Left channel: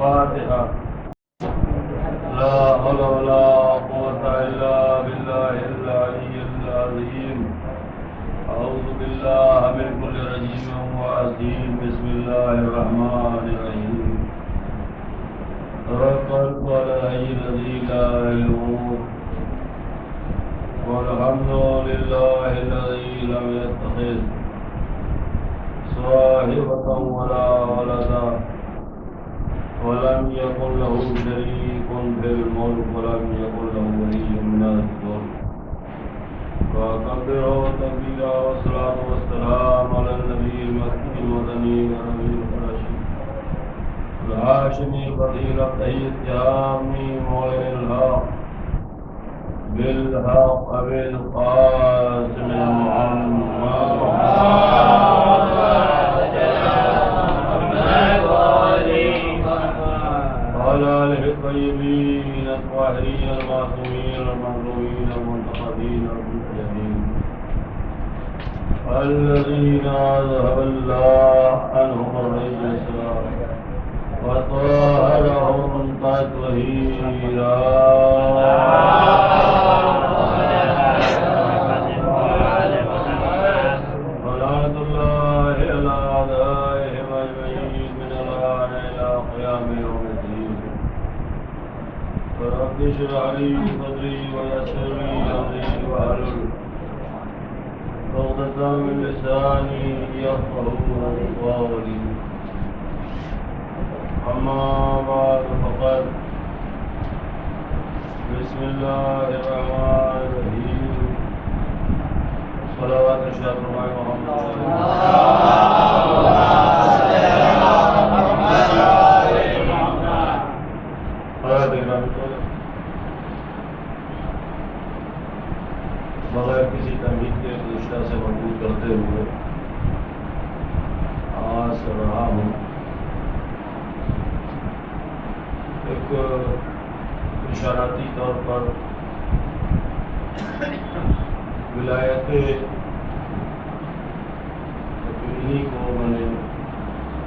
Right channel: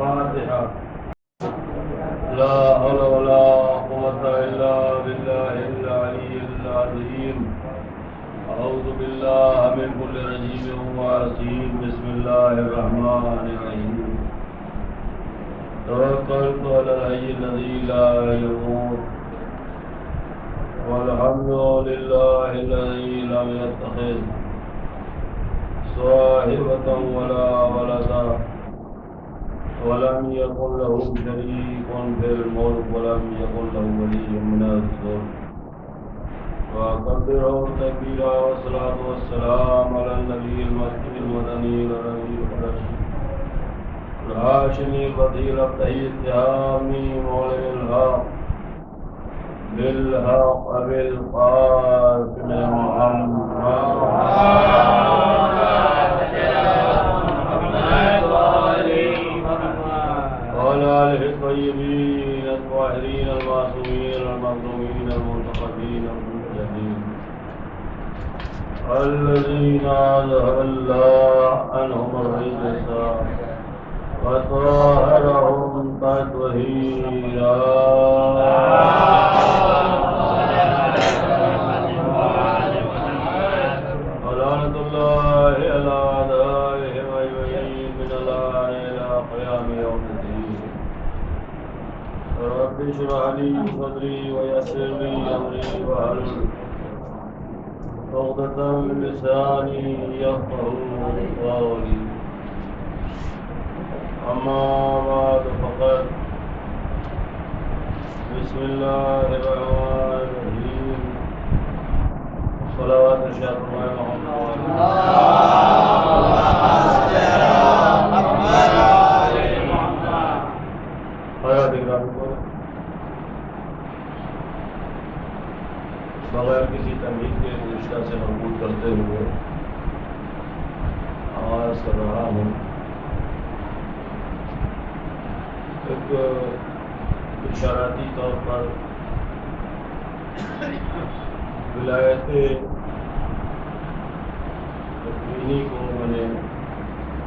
فاتحة. لا حول ولا قوة إلا بالله العلي العظيم. أعوذ بالله من كل رجيم وعظيم. بسم الله الرحمن الرحيم. توكلت على الحي الذي لا يموت والحمد لله الذي لم يتخذ صاحبة ولا ولدا ولم يكن له شريك في الملك ولم يكن له ولي من الذل وكبره تكبيرا. والصلاة والسلام على النبي المهدي المدني العربي القرشي الهاشمي الفضيل الطهي التهامي معلن الحق بالحق أبي القاسم محمد وعلى آله الطيبين الطاهرين المعصومين المظلومين المنتقبين المجاهدين الذين أذهب الله عنهم الرجس وطهرهم تطهيرا. ولعنة الله على أعدائهم أجمعين من الآن إلى قيام يوم الدين. رب اشرح لي صدري ويسر لي أمري واحلل عقدة من لساني يفقهوا قولي. أما بعد فقد بسم الله الرحمن الرحيم. صلوات الشهر محمد بغیر کسی تمہید کے گزشتہ سے مربوط کرتے ہوئے آواز کر رہا ہوں. ایک اشاراتی طور پر ولایت تقوینی کو میں نے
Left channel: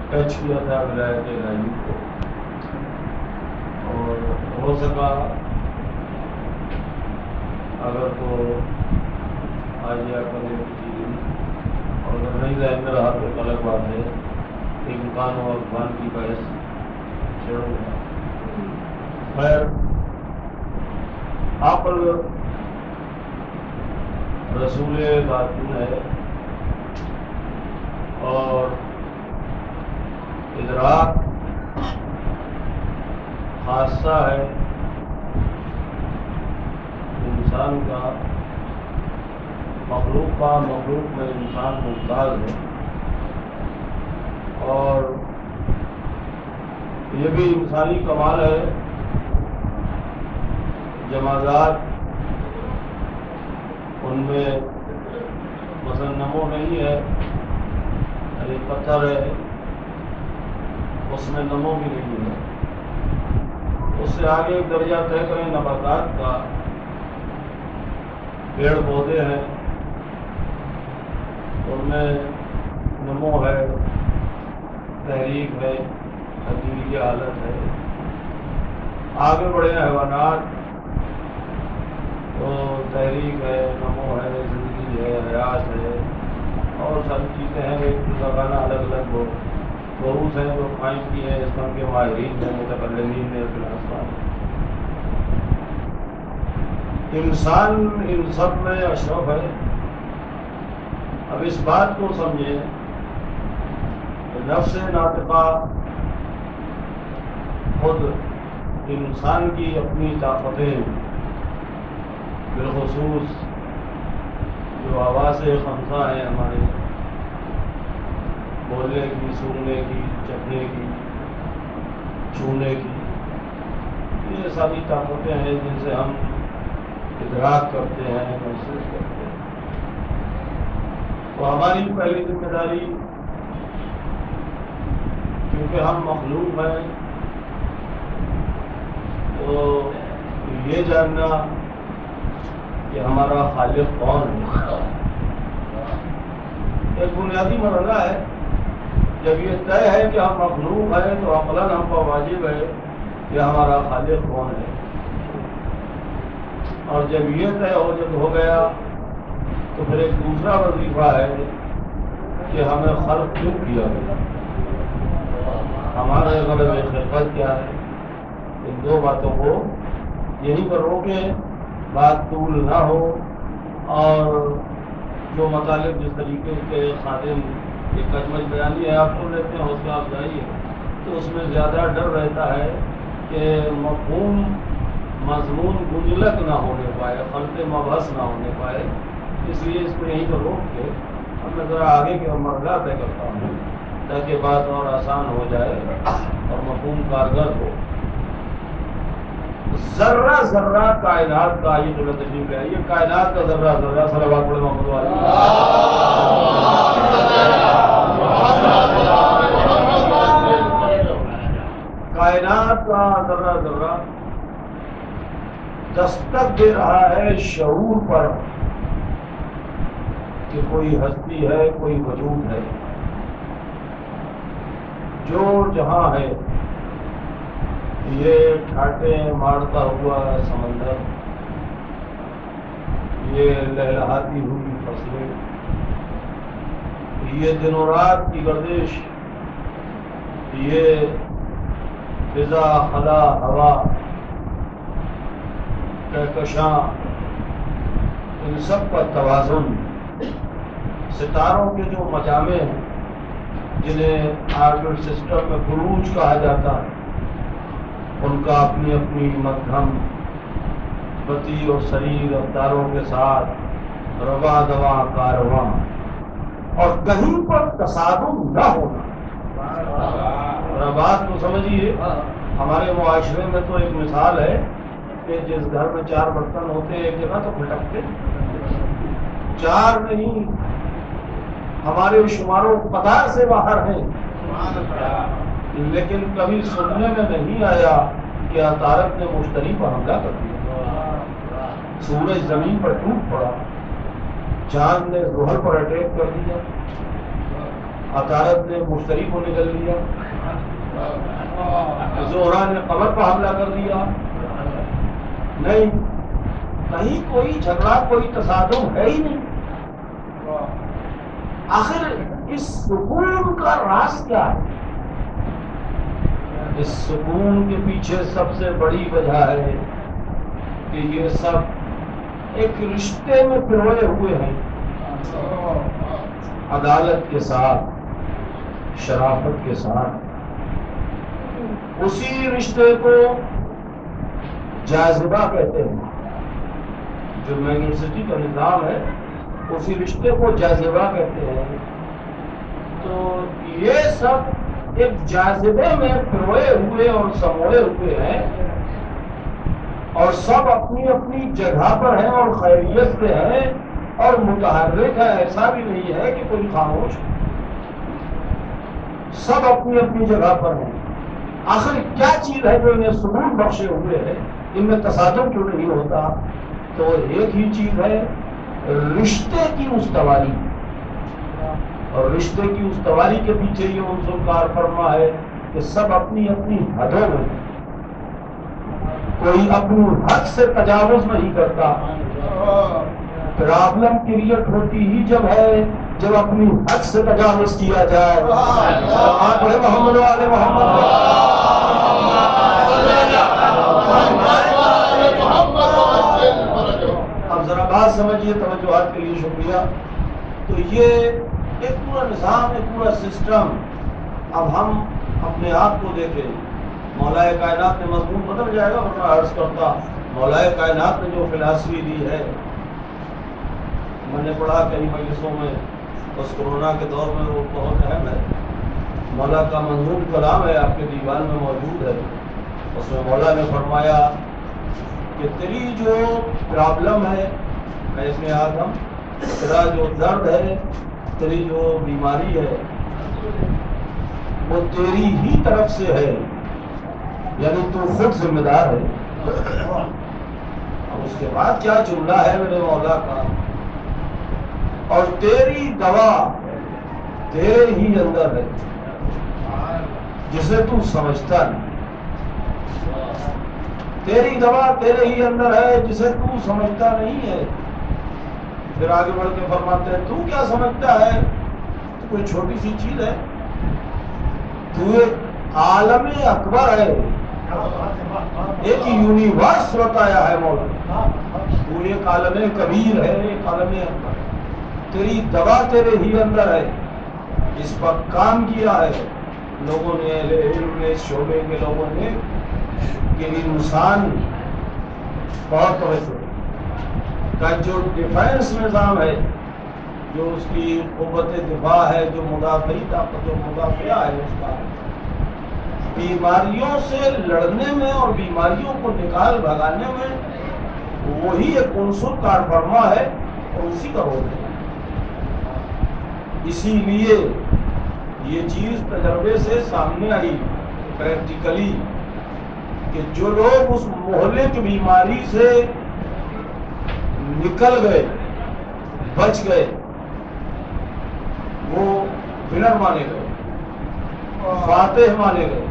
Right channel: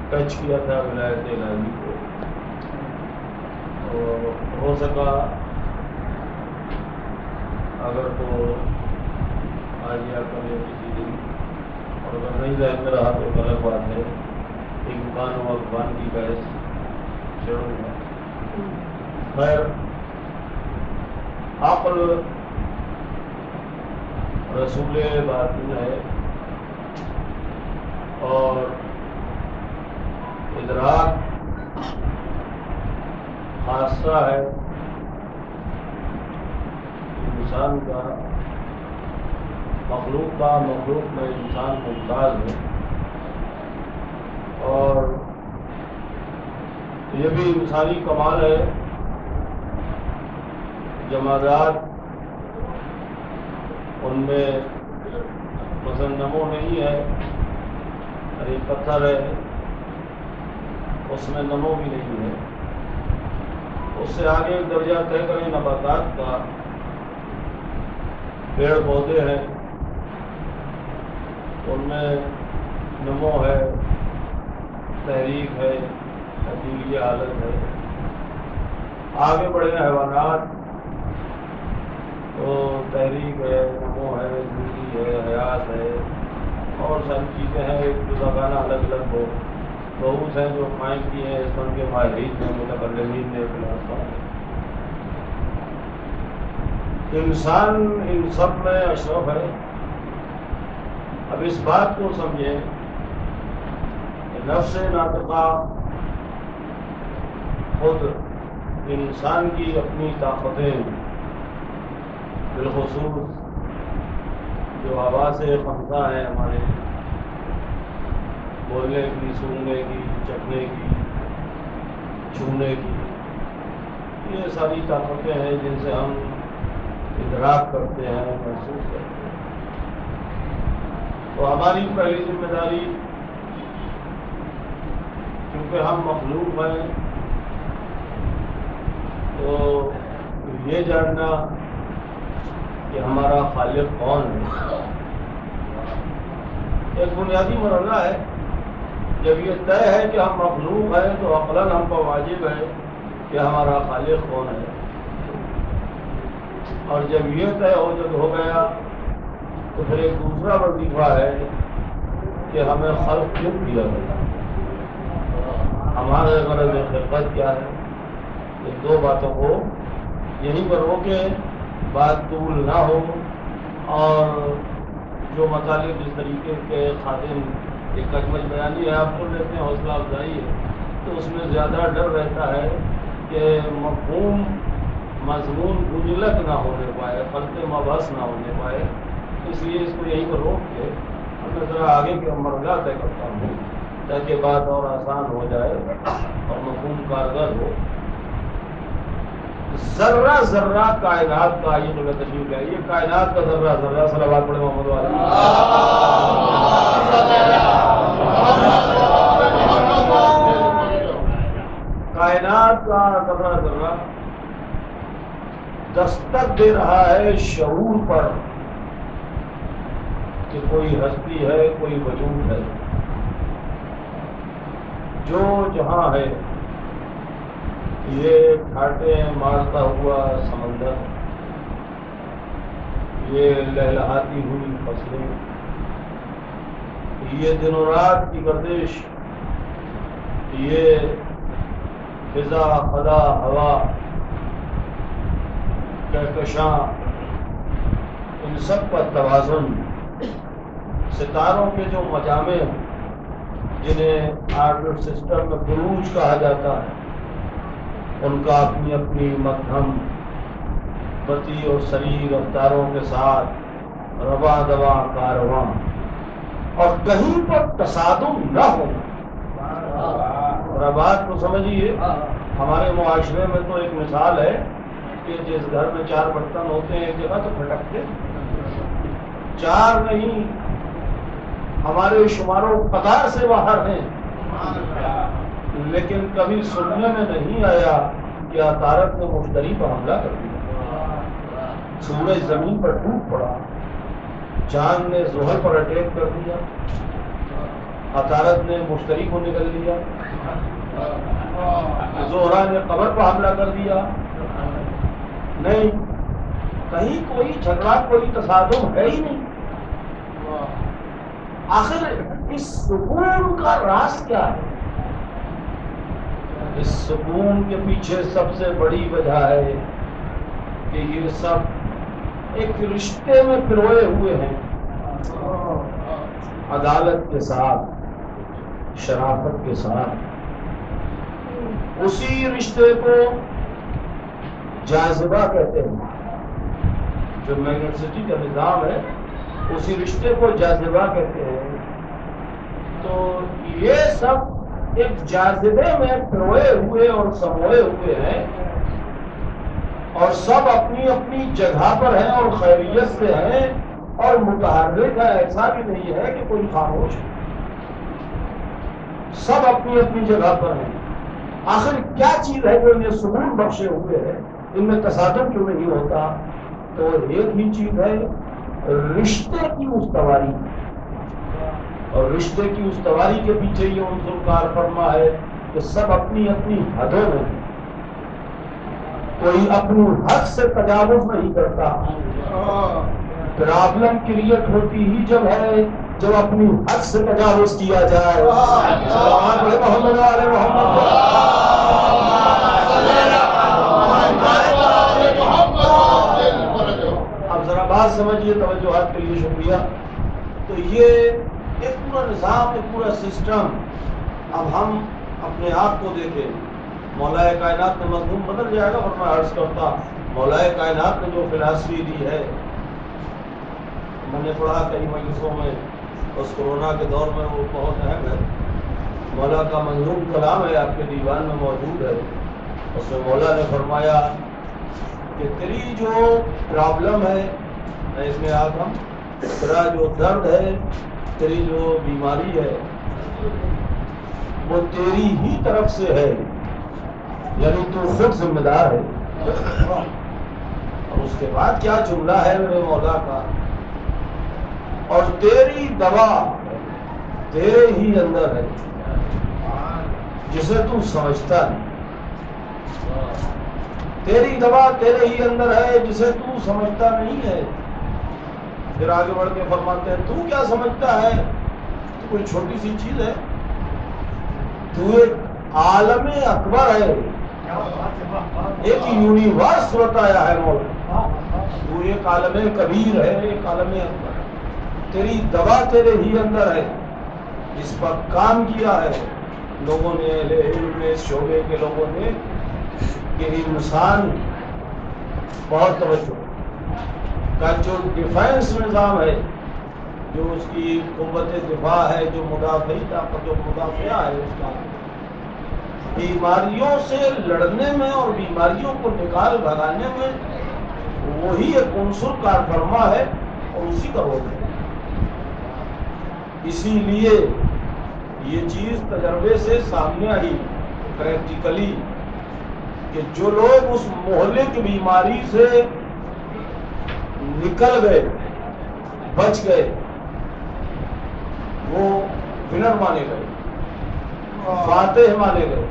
ٹچ کیا تھا، ولایت الہی کو، اور ہو سکا اگر تو آج یا کل کسی دن، اور اگر نہیں ذہن میں رہا تو ایک الگ بات ہے. امکان اور امکان کی بحث چھیڑوں گا. خیر، عقل رسول ذاتی ہے اور ادراک خاصہ ہے انسان کا، مخلوق میں انسان ممتاز ہے. اور یہ بھی انسانی کمال ہے. جمادات ان میں مثلا نمو نہیں ہے، یعنی پتھر ہے اس میں نمو بھی نہیں ہے. اس سے آگے درجہ طے کریں نباتات کا، پیڑ پودے ہیں ان میں نمو ہے، تحریک ہے، تبدیلی حالت ہے. آگے بڑھے حیوانات تو تحریک ہے، نمو ہے، زندگی ہے، حیات ہے، اور ساری چیزیں ہیں. ایک جزاگانہ الگ الگ بہوس ہیں جو قائم کی ہیں اس فن کے ماہرین ہیں، متکلمین ہیں، فلاسفہ ہیں. انسان ان سب میں اشرف ہے. اب اس بات کو سمجھیں کہ نفس ناطقہ خود انسان کی اپنی طاقتیں، بالخصوص جو حواس خمسہ ہیں ہمارے، بولنے کی، سننے کی، چکھنے کی، چھونے کی، یہ ساری طاقتیں ہیں جن سے ہم ادراک کرتے ہیں، محسوس کرتے ہیں. تو ہماری پہلی ذمہ داری، کیونکہ ہم مخلوق ہیں، تو یہ جاننا کہ ہمارا خالق کون ہے ایک بنیادی مرحلہ ہے. جب یہ طے ہے کہ ہم مخلوق ہیں تو عقلاً ہم پر واجب ہے کہ ہمارا خالق کون ہے، اور جب یہ طے ہو گیا تو پھر ایک دوسرا وظیفہ ہے کہ ہمیں خلق کیوں کیا گیا، ہمارے غرض خلقت کیا ہے۔ ان دو باتوں کو یہیں پر روکے، بات طول نہ ہو، اور جو مطالب جس طریقے کے خادم ایک کچمچ بیانی ہے آپ سن لیتے ہیں، حوصلہ افزائی ہے، تو اس میں زیادہ ڈر رہتا ہے کہ مفہوم مضمون گنجلک نہ ہونے پائے، خلط مبحث نہ ہونے پائے، اس لیے اس کو یہیں پر روک کے میں ذرا آگے کے مرحلہ طے کرتا ہوں تاکہ بات اور آسان ہو جائے اور مفہوم کارگر ہو۔ ذرہ ذرہ کائنات کا، یہ تو تشریف ہے، یہ کائنات کا ذرہ ذرہ، صلوات پڑھے محمد علیہ، کائنات کا ذرہ ذرہ دستک دے رہا ہے شعور پر کہ کوئی ہستی ہے، کوئی وجود ہے جو جہاں ہے۔ یہ ٹھاٹے مارتا ہوا سمندر، یہ لہلہاتی ہوئی فصلیں، یہ دن و رات کی گردش، یہ فضا خلا ہوا کہکشاں، ان سب کا توازن، ستاروں کے جو مجامع ہیں جنہیں آربٹ سسٹم میں بروج کہا جاتا ہے، ان کا اپنی اپنی مدھم بتی اور سری رفتاروں کے ساتھ رواں دواں کارواں، اور کہیں پر تصادم نہ ہونا۔ بات کو سمجھیے، ہمارے معاشرے میں تو ایک مثال ہے کہ جس گھر میں 4 برتن ہوتے ہیں ایک جگہ تو پھٹکتے، 4 نہیں، ہمارے شمار و قدار سے باہر ہیں، لیکن کبھی سننے میں نہیں آیا کہ عطارد نے مشتری پر حملہ کر دیا، سورج زمین پر ٹوٹ پڑا، چاند نے زحل پر اٹیک کر دیا، عطارد نے مشتری کو نگل لیا، زہرا نے قمر پر حملہ کر دیا۔ نہیں، کہیں کوئی جھگڑا، کوئی تصادم ہے ہی نہیں۔ آخر اس سکون کا راز کیا ہے؟ اس سکون کے پیچھے سب سے بڑی وجہ ہے کہ یہ سب ایک رشتے میں پروئے ہوئے ہیں، عدالت کے ساتھ، شرافت کے ساتھ۔ اسی رشتے کو جاذبہ کہتے ہیں، جو میگنیسٹی کا نظام ہے، اسی رشتے کو جاذبہ کہتے ہیں۔ تو یہ سب ایک جاذبے میں پروئے ہوئے اور سموئے ہوئے ہیں، اور سب اپنی اپنی جگہ پر ہیں اور خیریت سے ہیں اور متحرک ہے، ایسا بھی نہیں ہے کہ کوئی خاموش ہے، سب اپنی اپنی جگہ پر ہیں۔ آخر کیا چیز ہے جو انہیں سکون بخشے ہوئے ہے، ان میں تصادم کیوں نہیں ہوتا؟ تو ایک ہی چیز ہے، رشتے کی استواری، اور رشتے کی استواری کے پیچھے یہ عنصر کار فرما ہے کہ سب اپنی اپنی حدوں میں، کوئی اپنی حد سے تجاوز نہیں کرتا۔ پرابلم کریٹ ہوتی ہی جب ہے جب اپنی حد سے تجاوز کیا جائے۔ محمد والے محمد، اب ذرا بات سمجھیے، توجہات کے لیے شکریہ۔ تو یہ ایک پورا نظام، ایک پورا سسٹم، اب ہم اپنے آپ کو دیکھیں، مولا کائنات نے مضمون بدل جائے گا، اور میں عرض کرتا مولا کائنات نے جو فلاسفی دی ہے، میں نے پڑھا کئی مجلسوں میں، اس کورونا کے دور میں وہ بہت اہم ہے۔ مولا کا منظوم کلام ہے، آپ کے دیوان میں موجود ہے۔ اس میں مولا نے فرمایا کہ تیری جو پرابلم ہے، میں اس میں آدم، تیرا جو درد ہے، تیری جو بیماری ہے، وہ تیری ہی طرف سے ہے، یعنی تو خود ذمہ دار ہے۔ اور اس کے بعد کیا جملہ ہے میرے مولا کا، اور تیری دوا تیرے ہی اندر ہے۔ جسے تو سمجھتا نہیں. تیری دوا تیرے ہی اندر ہے جسے تو سمجھتا نہیں ہے. پھر آگے بڑھ کے فرماتے ہیں تو کیا سمجھتا ہے؟ تو کوئی چھوٹی سی چیز ہے؟ تو ایک عالم اکبر ہے، ایک یونیورس بتایا ہے مولا. تو ایک عالم کبیر ہے، ایک عالم اکبر ہے. تیری دوا تیرے ہی اندر ہے. اس پر کام کیا ہے لوگوں نے، اہل علم نے، اس شعبے کے لوگوں نے، کہ انسان بہت توجہ کا جو ڈیفینس نظام ہے، جو اس کی قوت دفاع ہے، جو مدافعی طاقت و مدافعہ ہے، اس کا بیماریوں سے لڑنے میں اور بیماریوں کو نکال بھگانے میں وہی ایک عنصر کار فرما ہے اور اسی کا رول ہے. اسی لیے یہ چیز تجربے سے سامنے آئی پریکٹیکلی کہ جو لوگ اس مہلک بیماری سے نکل گئے، بچ گئے، وہ ونر مانے گئے، فاتح مانے گئے.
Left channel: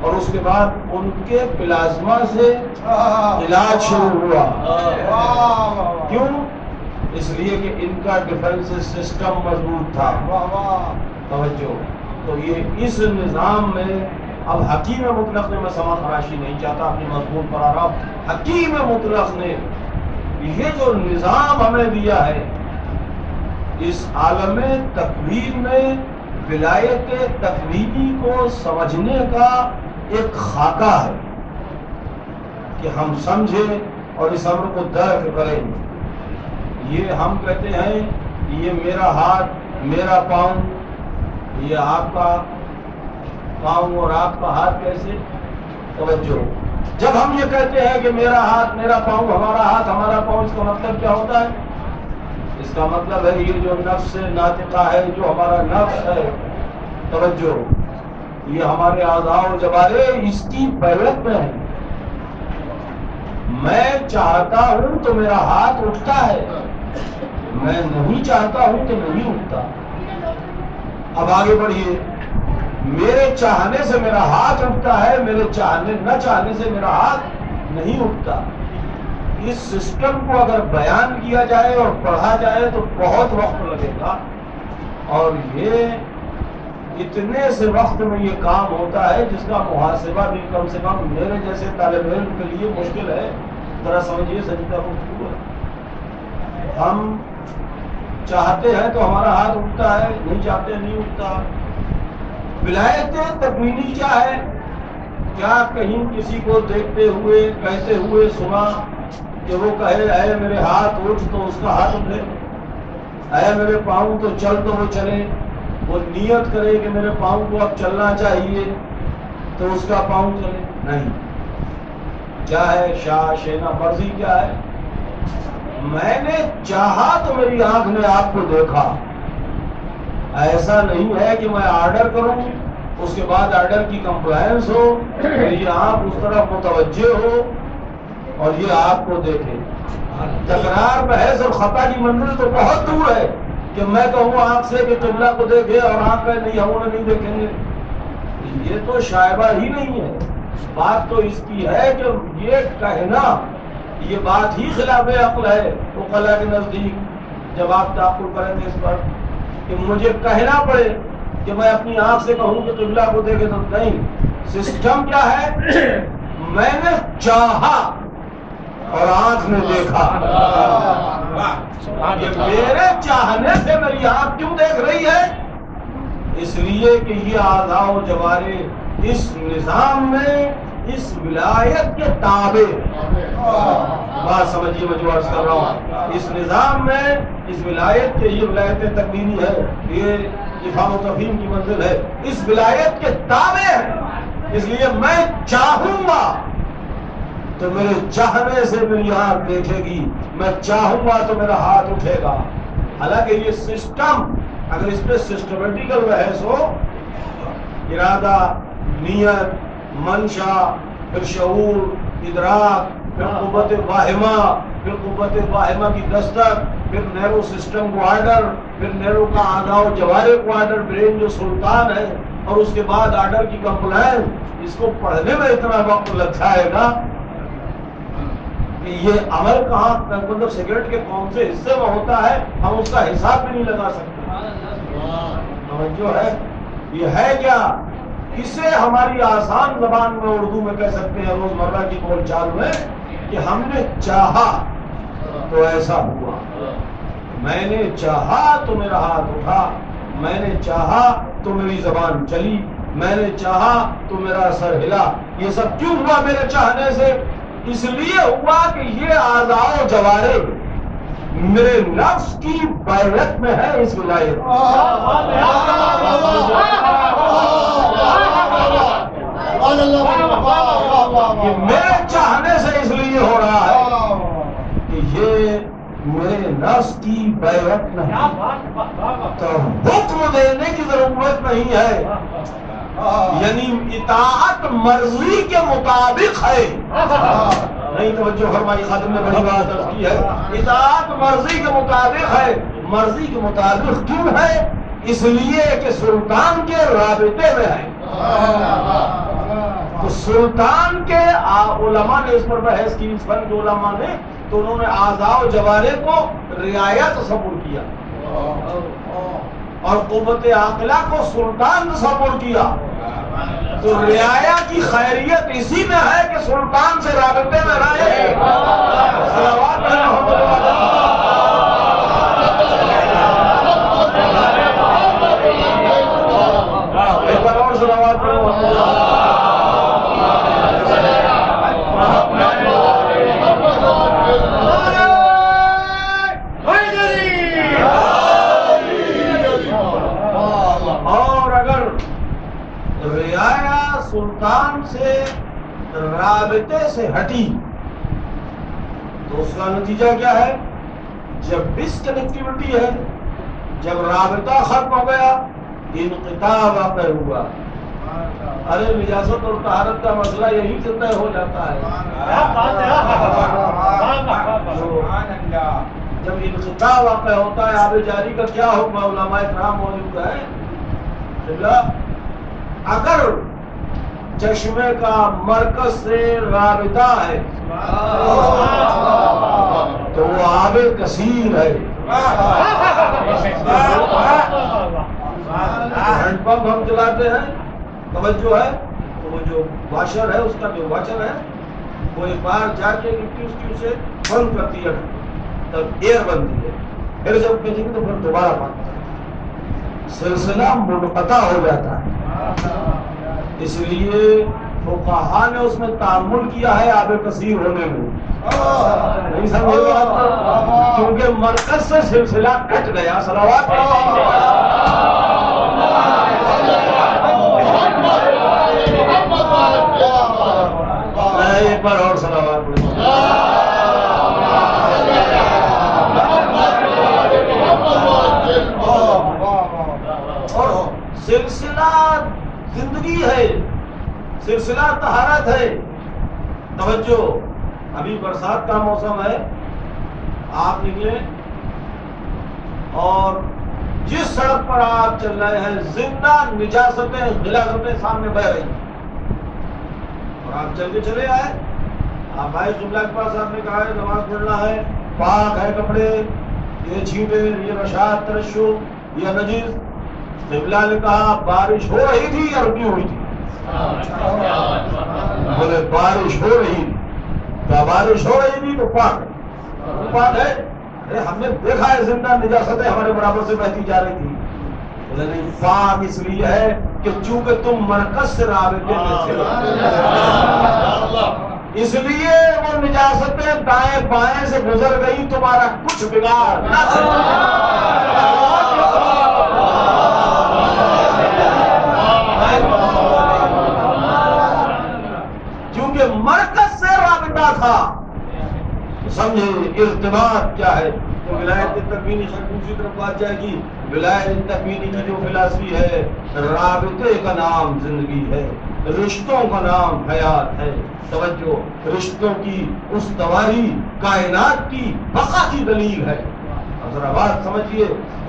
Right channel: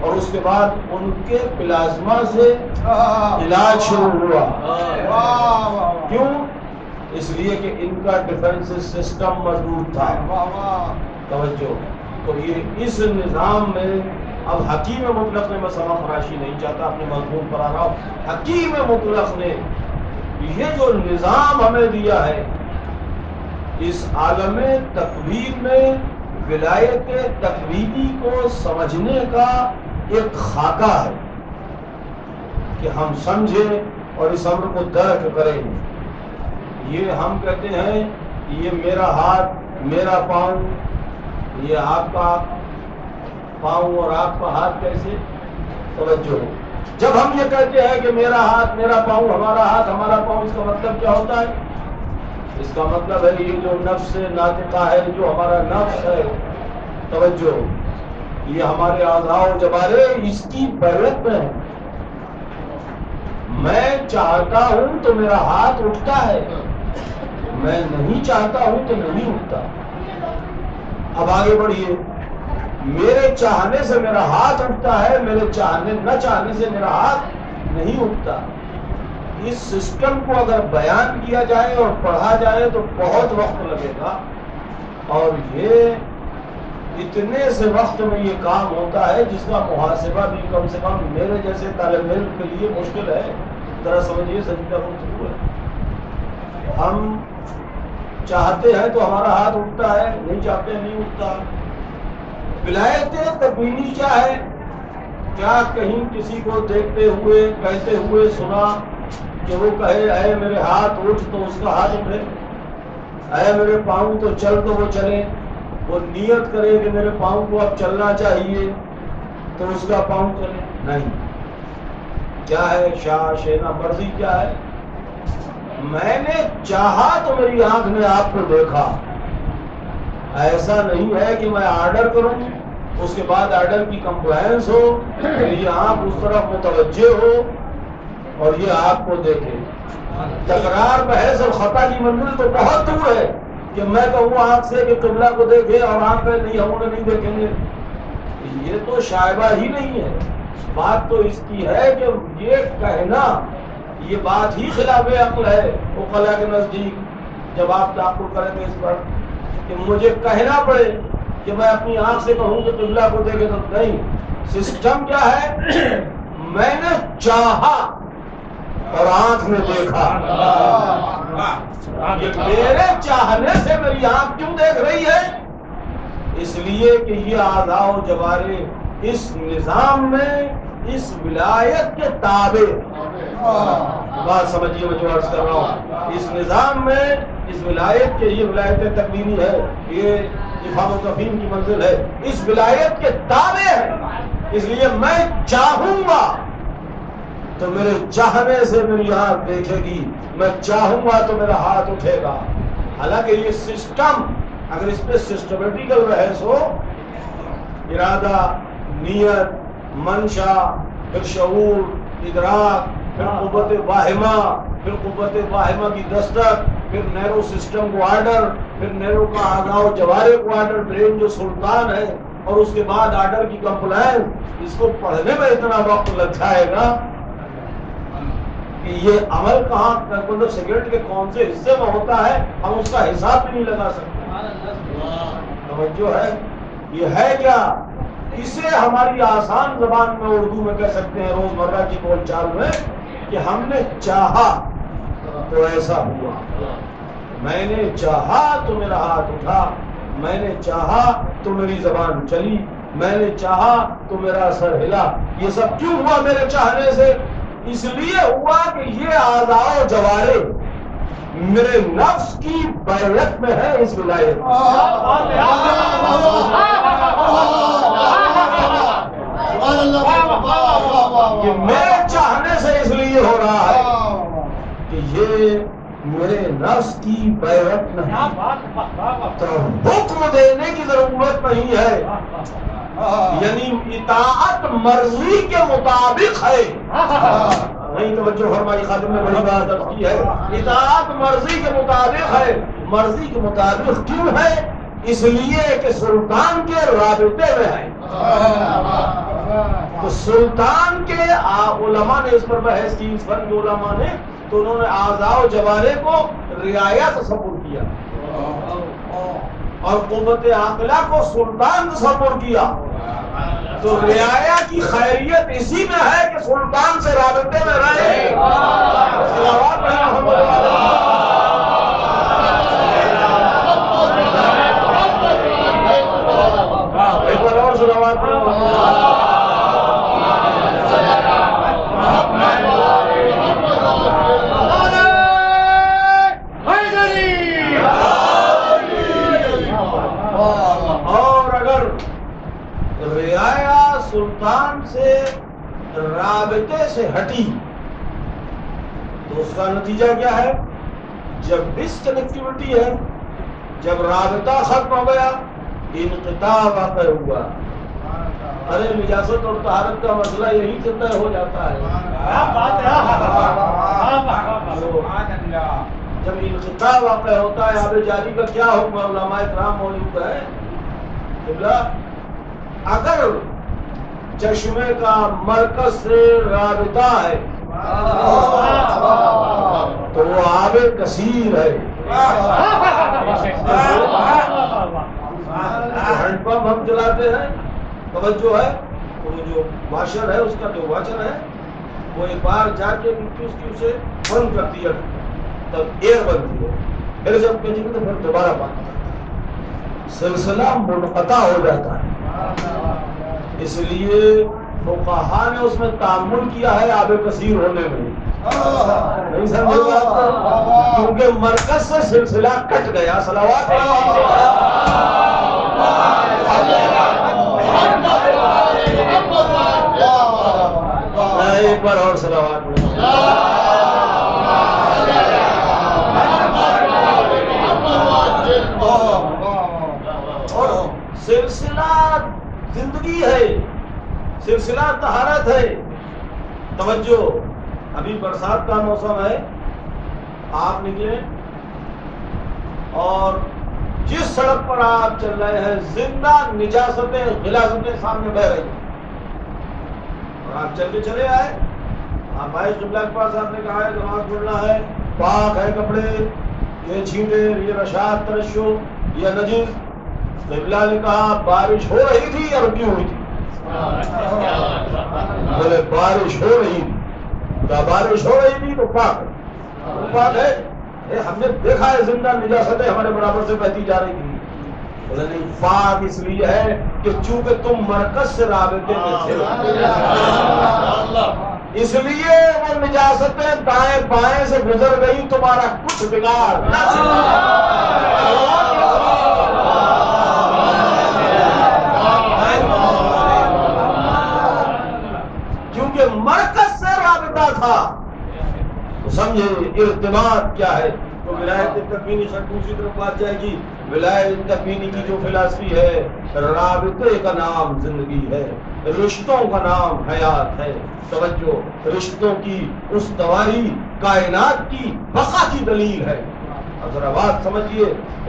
اور اس کے بعد ان کے پلازما سے علاج شروع ہوا. کیوں؟ اس لیے کہ ان کا ڈیفنس سسٹم مضبوط تھا. توجہ. تو یہ اس نظام میں اب حکیم مطلق نے، میں سما خراشی نہیں چاہتا، اپنے مضمون پر آ رہا ہوں. حکیم مطلق نے یہ جو نظام ہمیں دیا ہے، اس عالم تکوین میں ولایت تکوینی کو سمجھنے کا ایک خاکہ ہے کہ ہم سمجھیں اور اس امر کو درک کریں. یہ ہم کہتے ہیں یہ میرا ہاتھ، میرا پاؤں، یہ آپ کا پاؤں اور آپ کا ہاتھ کیسے؟ توجہ. جب ہم یہ کہتے ہیں کہ میرا ہاتھ، میرا پاؤں، ہمارا ہاتھ، ہمارا پاؤں، اس کا مطلب کیا ہوتا ہے؟ اس کا مطلب ہے یہ جو نفس ناطقہ ہے، جو ہمارا نفس ہے، توجہ، یہ ہمارے اعضاء و جوارے اس کی بیعت میں ہے. میں چاہتا ہوں تو میرا ہاتھ اٹھتا ہے، میں نہیں چاہتا ہوں تو نہیں اٹھتا. اب آگے بڑھیے. میرے چاہنے سے میرا ہاتھ اٹھتا ہے، میرے چاہنے نہ چاہنے سے میرا ہاتھ نہیں اٹھتا. اس سسٹم کو اگر بیان کیا جائے اور پڑھا جائے تو بہت وقت لگے گا، اور یہ اتنے سے وقت میں یہ کام ہوتا ہے جس کا محاسبہ بھی کم سے کم میرے جیسے طالب علم کے لیے مشکل ہے. ذرا سمجھیے سجدہ گفتگو ہے. ہم چاہتے ہیں تو ہمارا ہاتھ اٹھتا ہے، نہیں چاہتے نہیں اٹھتا. ولایت تکوینی کیا ہے؟ کیا کہیں کسی کو دیکھتے ہوئے کہتے ہوئے سنا کہ وہ کہے اے میرے ہاتھ اٹھ تو اس کا ہاتھ اٹھے، اے میرے پاؤں تو چل تو وہ چلے؟ وہ نیت کرے کہ میرے پاؤں کو اب چلنا چاہیے تو اس کا پاؤں چلے؟ نہیں. کیا ہے؟ شاہ شینا مرضی کیا ہے؟ میں نے چاہا تو میری آنکھ نے آپ کو دیکھا. ایسا نہیں ہے کہ میں آرڈر کروں، اس کے بعد آرڈر کی کمپلائنس ہو، یہ آنکھ اس طرف متوجہ ہو اور یہ آپ کو دیکھے. تکرار، بحث اور خطا کی منزل تو بہت دور ہے کہ میں کہوں آنکھ سے کہ قبلہ کو دیکھے اور آنکھ میں نہیں ہوں نہیں دیکھیں گے. یہ تو شائبہ ہی نہیں ہے. بات تو اس کی ہے کہ یہ کہنا، یہ بات ہی خلاف عقل ہے. عقلاء کے نزدیک جب آپ تعقل کریں گے اس پر کہ مجھے کہنا پڑے کہ میں اپنی آنکھ سے کہوں کہ قبلہ کو دیکھے تو نہیں. سسٹم کیا ہے؟ میں نے چاہا اور آنکھ نے دیکھا. میرے چاہنے سے میری آنکھ کیوں دیکھ رہی ہے؟ اس لیے کہ یہ اعضاء و جوارے اس نظام میں اس ولایت کے تابع. بات سمجھیے میں جو عرض کر رہا ہوں. اس نظام میں اس ولایت کے، یہ ولایت تکوینی ہے، یہ افہام و تفہیم کی منزل ہے، اس ولایت کے تابع ہے. اس لیے میں چاہوں گا تو میرے چاہنے سے میری آنکھ دیکھے گی، میں چاہوں گا تو میرا ہاتھ اٹھے گا. حالانکہ یہ سسٹم اگر اس پہ سسٹمیٹیکل بحث ہو، ارادہ، نیت، منشا، پھر شعور، ادراک، پھر قوت واہمہ، پھر قوت واہمہ کی دستک، پھر نیرو سسٹم کو آرڈر، پھر نیرو کا اعضاء و جوارے کو آرڈر، برین جو سلطان ہے اور اس کے بعد آرڈر کی کمپلین، اس کو پڑھنے میں اتنا وقت لگ جائے گا کہ یہ عمل کہاں، مطلب سگریٹ کے کون سے حصے میں ہوتا ہے ہم اس کا حساب بھی نہیں لگا سکتے۔ توجہ ہے، یہ ہے کیا؟ اسے ہماری آسان زبان میں اردو میں کہہ سکتے ہیں، روزمرہ کی بول چال میں، کہ ہم نے چاہا تو ایسا ہوا، میں نے چاہا تو میرا ہاتھ اٹھا، میں نے چاہا تو میری زبان چلی، میں نے چاہا تو میرا سر ہلا۔ یہ سب کیوں ہوا میرے چاہنے سے؟ اس لیے ہوا کہ یہ اعضاء و جوارح میرے نفس کی بیعت میں ہے اس ولایت۔ یہ میرے چاہنے سے اس لیے ہو رہا ہے کہ یہ میرے نفس کی بیعت نہیں، تو حکم دینے کی ضرورت نہیں ہے، یعنی اطاعت مرضی کے مطابق ہے۔ نہیں توجہ فرمائی، خادم نے بڑی بات عرض کی ہے، اطاعت مرضی کے مطابق ہے۔ مرضی کے مطابق کیوں ہے؟ اس لیے کہ سلطان کے رابطے میں ہے۔ تو سلطان کے علماء نے اس پر بحث کی، اس فن کے علماء نے، تو انہوں نے اعضاء و جوارح کو رعایا تصور کیا اور قوت عاقلہ کو سلطان تصور کیا۔ تو رعایا کی خیریت اسی میں ہے کہ سلطان سے رابطے میں رہے۔ صلوات پڑھیں محمد علیہ۔ ایک بار اور صلوات پڑھیں محمد علیہ۔ اور اگر رعایا سلطان سے رابطے سے ہٹی تو اس کا نتیجہ کیا ہے؟ جب ڈس کنیکٹیوٹی ہے، جب رابطہ ختم ہو گیا، انقطاع واقع ہوا۔ ارے نجاست اور طہارت کا مسئلہ یہی سے طے ہو جاتا ہے۔ جب انقطاع واقع ہوتا ہے، آب جاری کا کیا حکم؟ علماء کرام موجود ہے، اگر چشمے کا مرکز سے رابطہ ہے تو وہ آب کثیر ہے۔ ہینڈ پمپ ہم چلاتے ہیں، توجہ ہے، وہ جو واشر ہے، اس کا جو واچر ہے وہ ایک بار جا کے اس کی اسے بند کرتی ہے، تب ایئر بنتی ہے، پھر جب کہیں تو پھر دوبارہ بند کرتی ہے، سلسلہ منقطع ہو جاتا ہے۔ اس لیے فقہا نے اس میں تعامل کیا ہے آب کثیر ہونے میں، نہیں سمجھے بات؟ کیونکہ مرکز سے سلسلہ کٹ گیا۔ صلوات ایک بار اور صلوات اور سلسلہ زندگی ہے، سلسلہ طہارت ہے۔ توجہ، ابھی برسات کا موسم ہے، آپ نکلے اور جس سڑک پر آپ چل رہے ہیں زندہ نجاستیں غلاظتیں سامنے بہ رہی ہیں، اور آپ چل کے چلے آئے، آپ آئے قبلہ کے پاس، آپ نے کہا ہے نماز پڑھنا ہے، پاک ہے کپڑے، یہ چھینٹے، یہ رشاد ترشو، یہ نجس۔ قبلہ نے کہا بارش ہو رہی تھی یا رکی ہوئی تھی؟ بولے بارش ہو رہی تھی۔ کہا بارش ہو رہی تھی تو پاک ہے، پاک ہے؟ ہم نے دیکھا ہے زندہ نجاستیں ہمارے برابر سے بہتی جا رہی تھی۔ بولے نہیں، پاک اس لیے ہے کہ چونکہ تم مرکز سے رابطے میں تھے، اس لیے وہ نجاستیں دائیں بائیں سے گزر گئی، تمہارا کچھ بگاڑ نہ سکا۔ کیونکہ مرکز سے رابطہ تھا۔ تو سمجھے ارتباط کیا ہے؟ تو ولایت تکوینی سے دوسری طرف بات جائے گی۔ ولایت تکوینی کی جو فلسفی ہے، رابطے کا نام زندگی ہے، رشتوں کا نام حیات ہے۔ توجہ، رشتوں کی استواری کائنات کی بقا کی دلیل ہے، اور اب ذرا بات سمجھیے،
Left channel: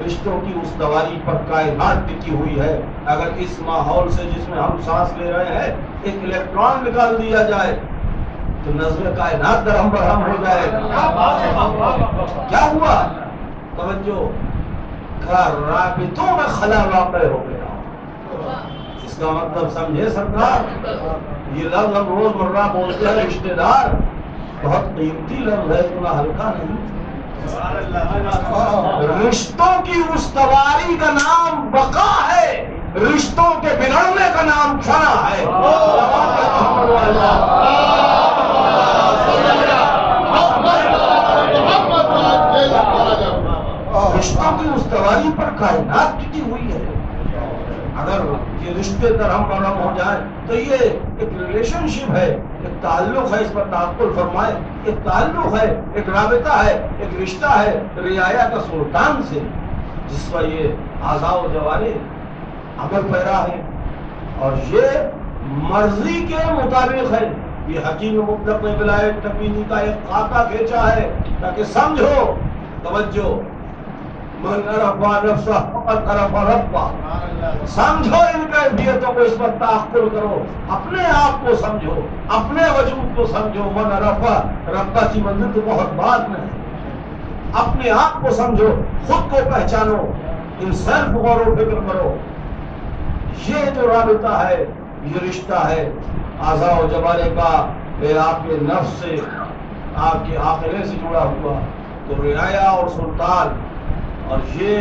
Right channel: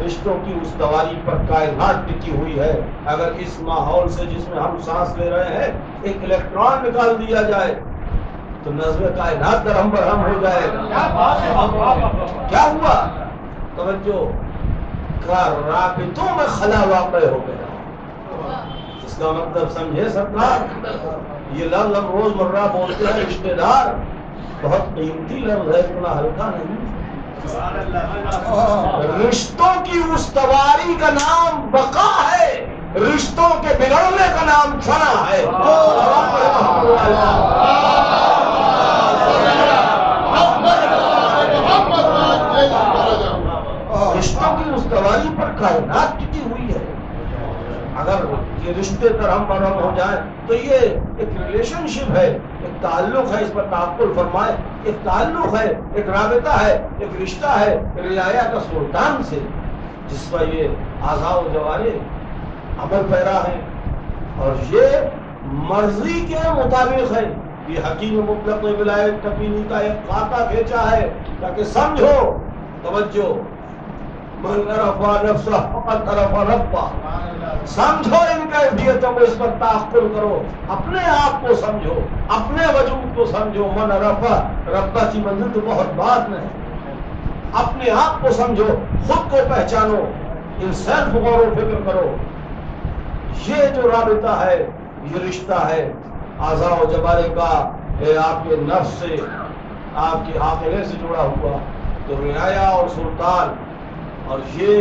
رشتوں کی استواری پر کائنات ٹکی ہوئی ہے. اگر اس ماحول سے جس میں ہم سانس لے رہے ہیں ایک الیکٹران نکال دیا جائے تو نظم کائنات درہم برہم ہو جائے. کیا ہوا؟ توجہ، رابطوں میں خلا واقع ہو گیا. اس کا مطلب سمجھے سرکار، یہ لفظ ہم روز مرہ بولتے ہیں رشتے دار، بہت قیمتی لفظ ہے، اتنا ہلکا نہیں. رشتوں کی استواری کا نام بقا ہے، رشتوں کے بگڑنے کا نام فنا ہے. رشتوں کی استواری پر کائنات ٹکی ہوئی ہے. اگر یہ رشتے درہم برہم ہو جائیں تو یہ ایک ریلیشن شپ ہے، ایک تعلق ہے، اس پر تعقل فرمائے. ایک تعلق ہے، ایک رابطہ ہے، ایک رشتہ ہے رعایا کا سلطان سے، جس پر یہ اعضاء و جوارح عمل پیرا ہے اور یہ مرضی کے مطابق ہے. یہ حکیم مطلق نے ولایت تکوینی کا ایک خاکہ کھینچا ہے تاکہ سمجھو. توجہ، من عرفا نفسہ فقد عرفا ربہ. سمجھو ان کیفیتوں کو، اس پر تعقل کرو، اپنے آپ کو سمجھو، اپنے وجود کو سمجھو. من عرفا ربہ کی منزل تو بہت بات نہیں، اپنے آپ کو سمجھو، خود کو پہچانو، ان سیلف غور و فکر کرو. یہ جو رابطہ ہے، یہ رشتہ ہے اعضاء و جوارح کا، آپ کے نفس سے، آپ کے عاقلے سے جڑا ہوا. تو رعایا اور سلطان، اور یہ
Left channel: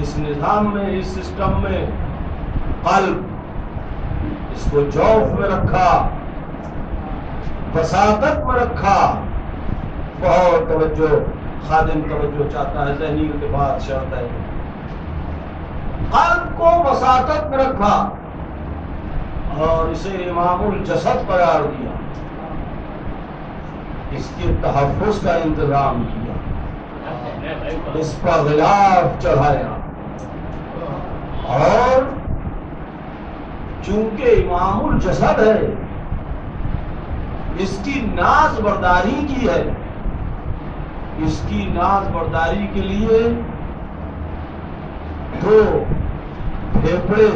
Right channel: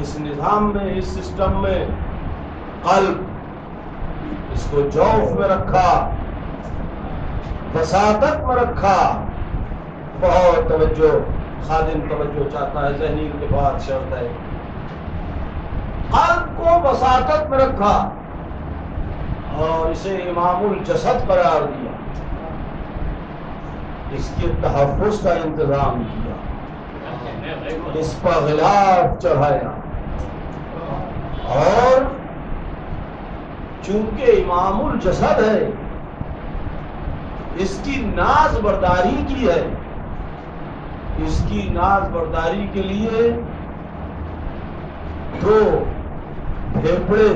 اس نظام میں، اس سسٹم میں قلب، اس کو جوف میں رکھا، وساطت میں رکھا. بہت توجہ، خادم توجہ چاہتا ہے، ذہنی ارتباط شرط ہے. قلب کو وساطت میں رکھا اور اسے امام الجسد قرار دیا، اس کے تحفظ کا انتظام کیا، اس پر غلاف چڑھایا. اور چونکہ امام الجسد ہے، اس کی ناز برداری کی ہے. اس کی ناز برداری کے لیے دو پھیپھڑے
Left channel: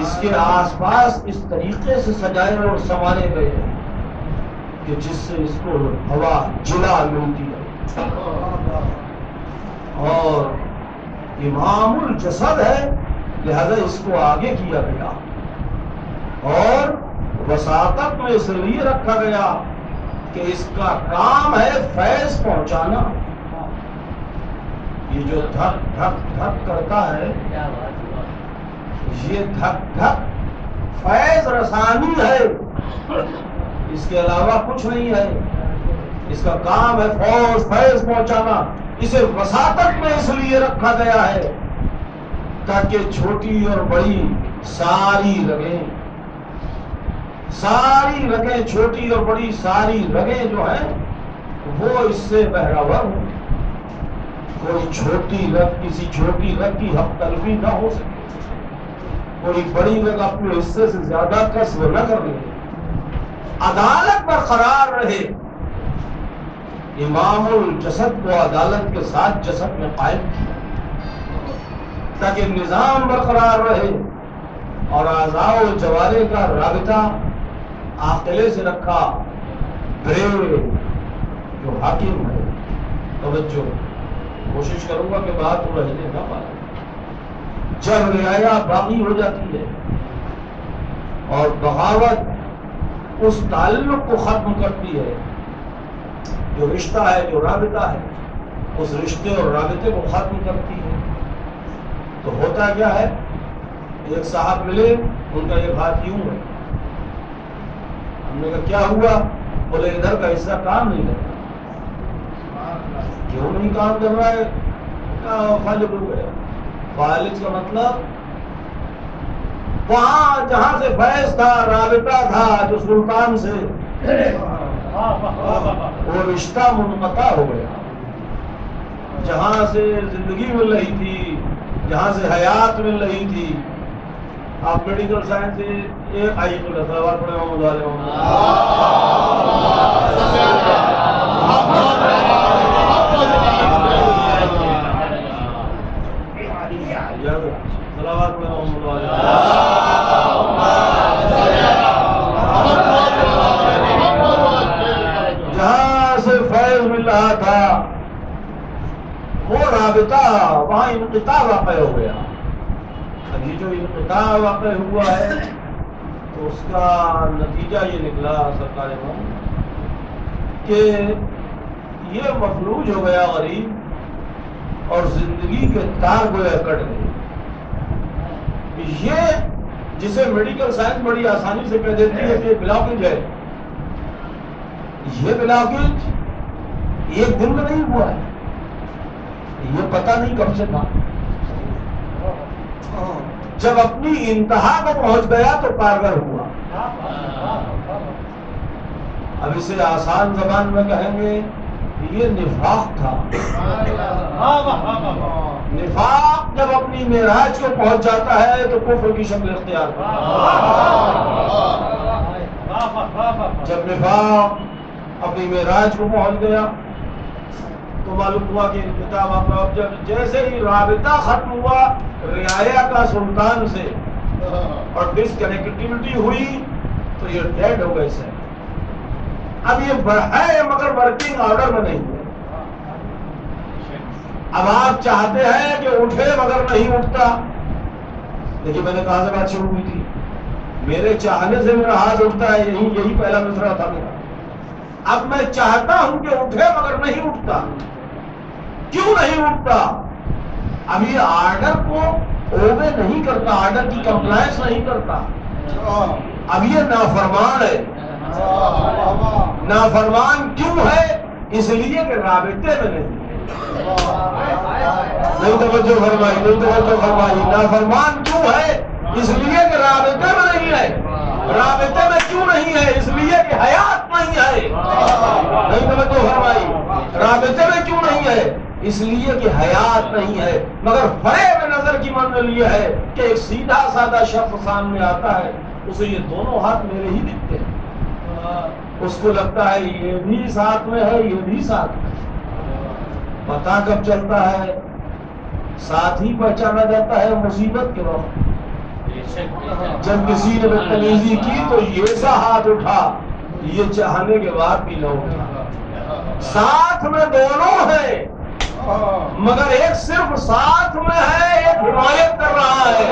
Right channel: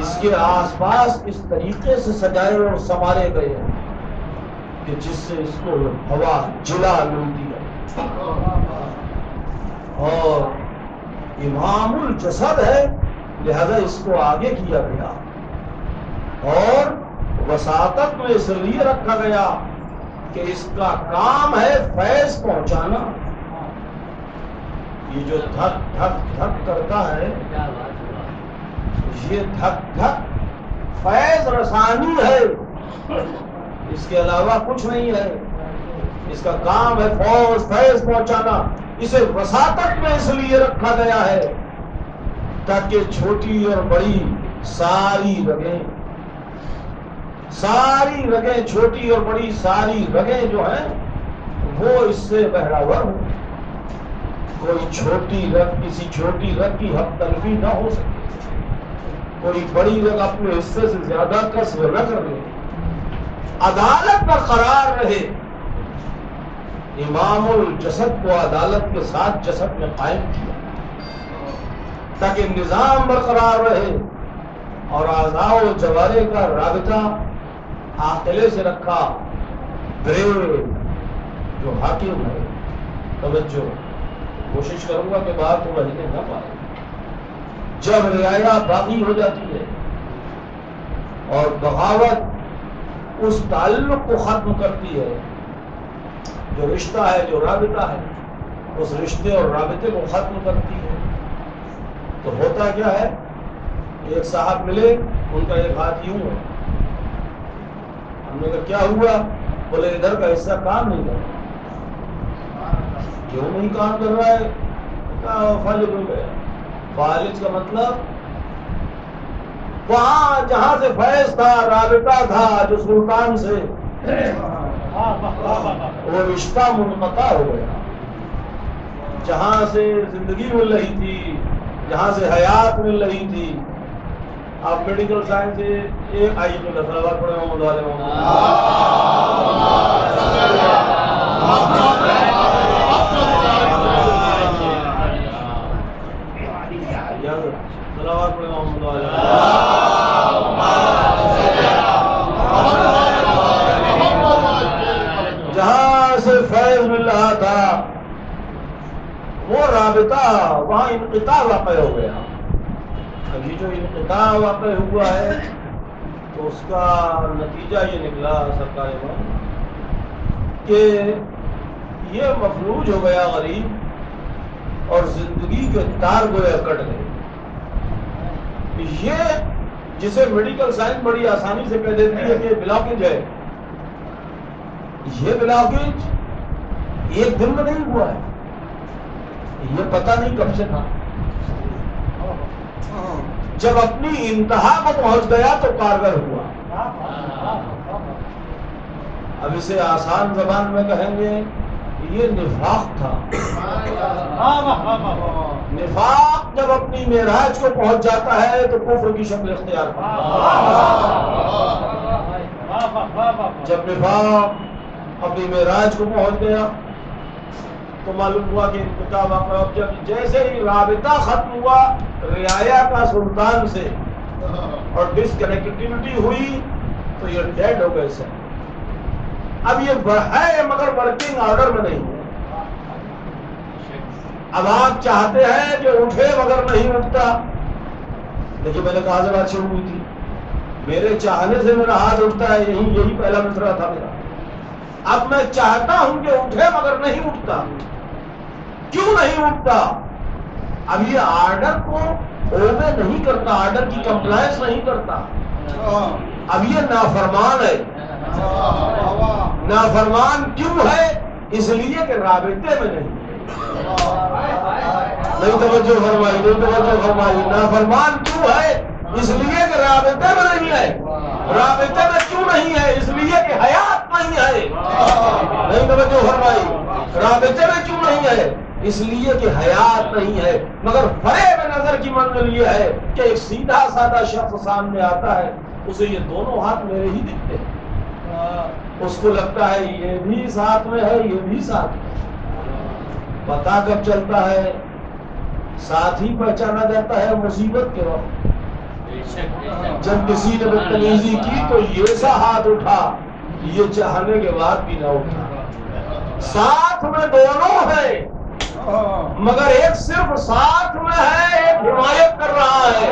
اس کے آس پاس اس طریقے سے سجائے اور سنوارے گئے ہیں کہ جس سے اس کو ہوا جلا ملتی ہے. اور امام الجسد ہے، لہذا اس کو آگے کیا گیا اور وساطت میں اس لیے رکھا گیا کہ اس کا کام ہے فیض پہنچانا. یہ جو دھک دھک دھک کرتا ہے، یہ دھک دھک فیض رسانی ہے، اس کے علاوہ کچھ نہیں ہے. اس کا کام ہے فیض پہنچانا. اسے وساطت میں اس لیے رکھا گیا ہے تاکہ چھوٹی اور بڑی ساری رگیں، چھوٹی اور بڑی ساری رگیں جو ہیں وہ اس سے بہراور ہوں. کوئی چھوٹی رگ کسی چھوٹی رگ کی حق تلفی نہ ہو سکے، کوئی بڑی رگ اپنے حصے سے زیادہ کسب نہ کر لے، عدالت برقرار رہے. امام الجسد کو عدالت کے ساتھ جسد میں قائم کیا تاکہ نظام برقرار رہے اور اعضاء و جوارح کا رابطہ عاقلے سے رکھا. برین جو حاکم ہے، توجہ، کوشش کروں گا کہ بات رہنے نہ پائے. جب رعایا باقی ہو جاتی ہے اور بغاوت اس تعلق کو ختم کرتی ہے، جو رشتہ ہے، جو رابطہ ہے، اس رشتے اور رابطے کو ختم کرتی ہے، تو ہوتا کیا ہے؟ ایک صاحب ملے، ان کا ایک ہاتھ یوں ہے. ہم نے کہا کیا ہوا؟ بولے ادھر کا حصہ کام نہیں کر رہا. کیوں نہیں کام کر رہا ہے؟ فالج ہو گیا. فالج کا مطلب وہاں جہاں سے فیض تھا، رابطہ تھا جو سلطان سے، وہ رشتہ منقطع ہو گیا. جہاں سے زندگی مل رہی تھی، جہاں سے حیات مل رہی تھی. آپ میڈیکل سائنس سے ایک آئی کو سوال پڑے محمد علیہ محمد جہاں سے فیض مل رہا تھا وہ رابطہ وہاں انقطاع واقع ہو گیا. ابھی جو انقطاع واقع ہوا ہے تو اس کا نتیجہ یہ نکلا سرکار کہ یہ مفلوج ہو گیا غریب اور زندگی کے تار گویا کٹ گئے. یہ جسے میڈیکل سائنس بڑی آسانی سے کہہ دیتی ہے کہ بلاکیج ہے، یہ بلاکیج ایک دن میں نہیں ہوا ہے، یہ پتہ نہیں کب سے تھا. جب اپنی انتہا کو پہنچ گیا تو کارگر ہوا. اب اسے آسان زبان میں کہیں گے یہ نفاق تھا. نفاق جب اپنی معراج کو پہنچ جاتا ہے تو کفر کی شکل اختیار کرتا ہے. جب نفاق اپنی معراج کو پہنچ گیا تو معلوم ہوا کہ انقطاع واقع. اب جب جیسے ہی رابطہ ختم ہوا رعایا کا سلطان سے اور ڈسکنیکٹیوٹی ہوئی تو یہ ڈیڈ ہو گئے سر. اب یہ ہے مگر ورکنگ آرڈر میں نہیں ہے. اب آپ چاہتے ہیں کہ اٹھے مگر نہیں اٹھتا. دیکھیے میں نے کہا سے بات شروع ہوئی تھی، میرے چاہنے سے میرا ہاتھ اٹھتا ہے، یہی پہلا مصرعہ تھا میرا. اب میں چاہتا ہوں کہ اٹھے مگر نہیں اٹھتا. کیوں نہیں اٹھتا؟ اب یہ آرڈر کو اوبے نہیں کرتا، آرڈر کی کمپلائنس نہیں کرتا. اب یہ نافرمان ہے. نافرمان کیوں ہے؟ اس لیے کہ رابطے میں نہیں توجہ فرمائی، نہیں توجہ فرمائی. نافرمان کیوں ہے؟ اس لیے کہ رابطے میں نہیں ہے. رابطے میں کیوں نہیں ہے؟ اس لیے کہ حیات نہیں ہے. نہیں توجہ فرمائی. رابطے میں کیوں نہیں ہے؟ اس لیے کہ حیات نہیں ہے. مگر فریب نظر کی منزل یہ ہے کہ ایک سیدھا سادہ شخص سامنے آتا ہے، اسے یہ دونوں ہاتھ میرے ہی دکھتے ہیں. اس کو لگتا ہے یہ بھی ساتھ میں ہے، یہ بھی ساتھ میں. پتا کب چلتا ہے؟ ساتھ ہی پہچانا جاتا ہے مصیبت کے وقت. جب کسی نے بدتمیزی کی تو یہ سا ہاتھ اٹھا، یہ چاہنے کے بعد بھی نہ اٹھا. ساتھ میں دونوں ہیں مگر ایک صرف ساتھ میں ہے، ایک حمایت کر رہا ہے.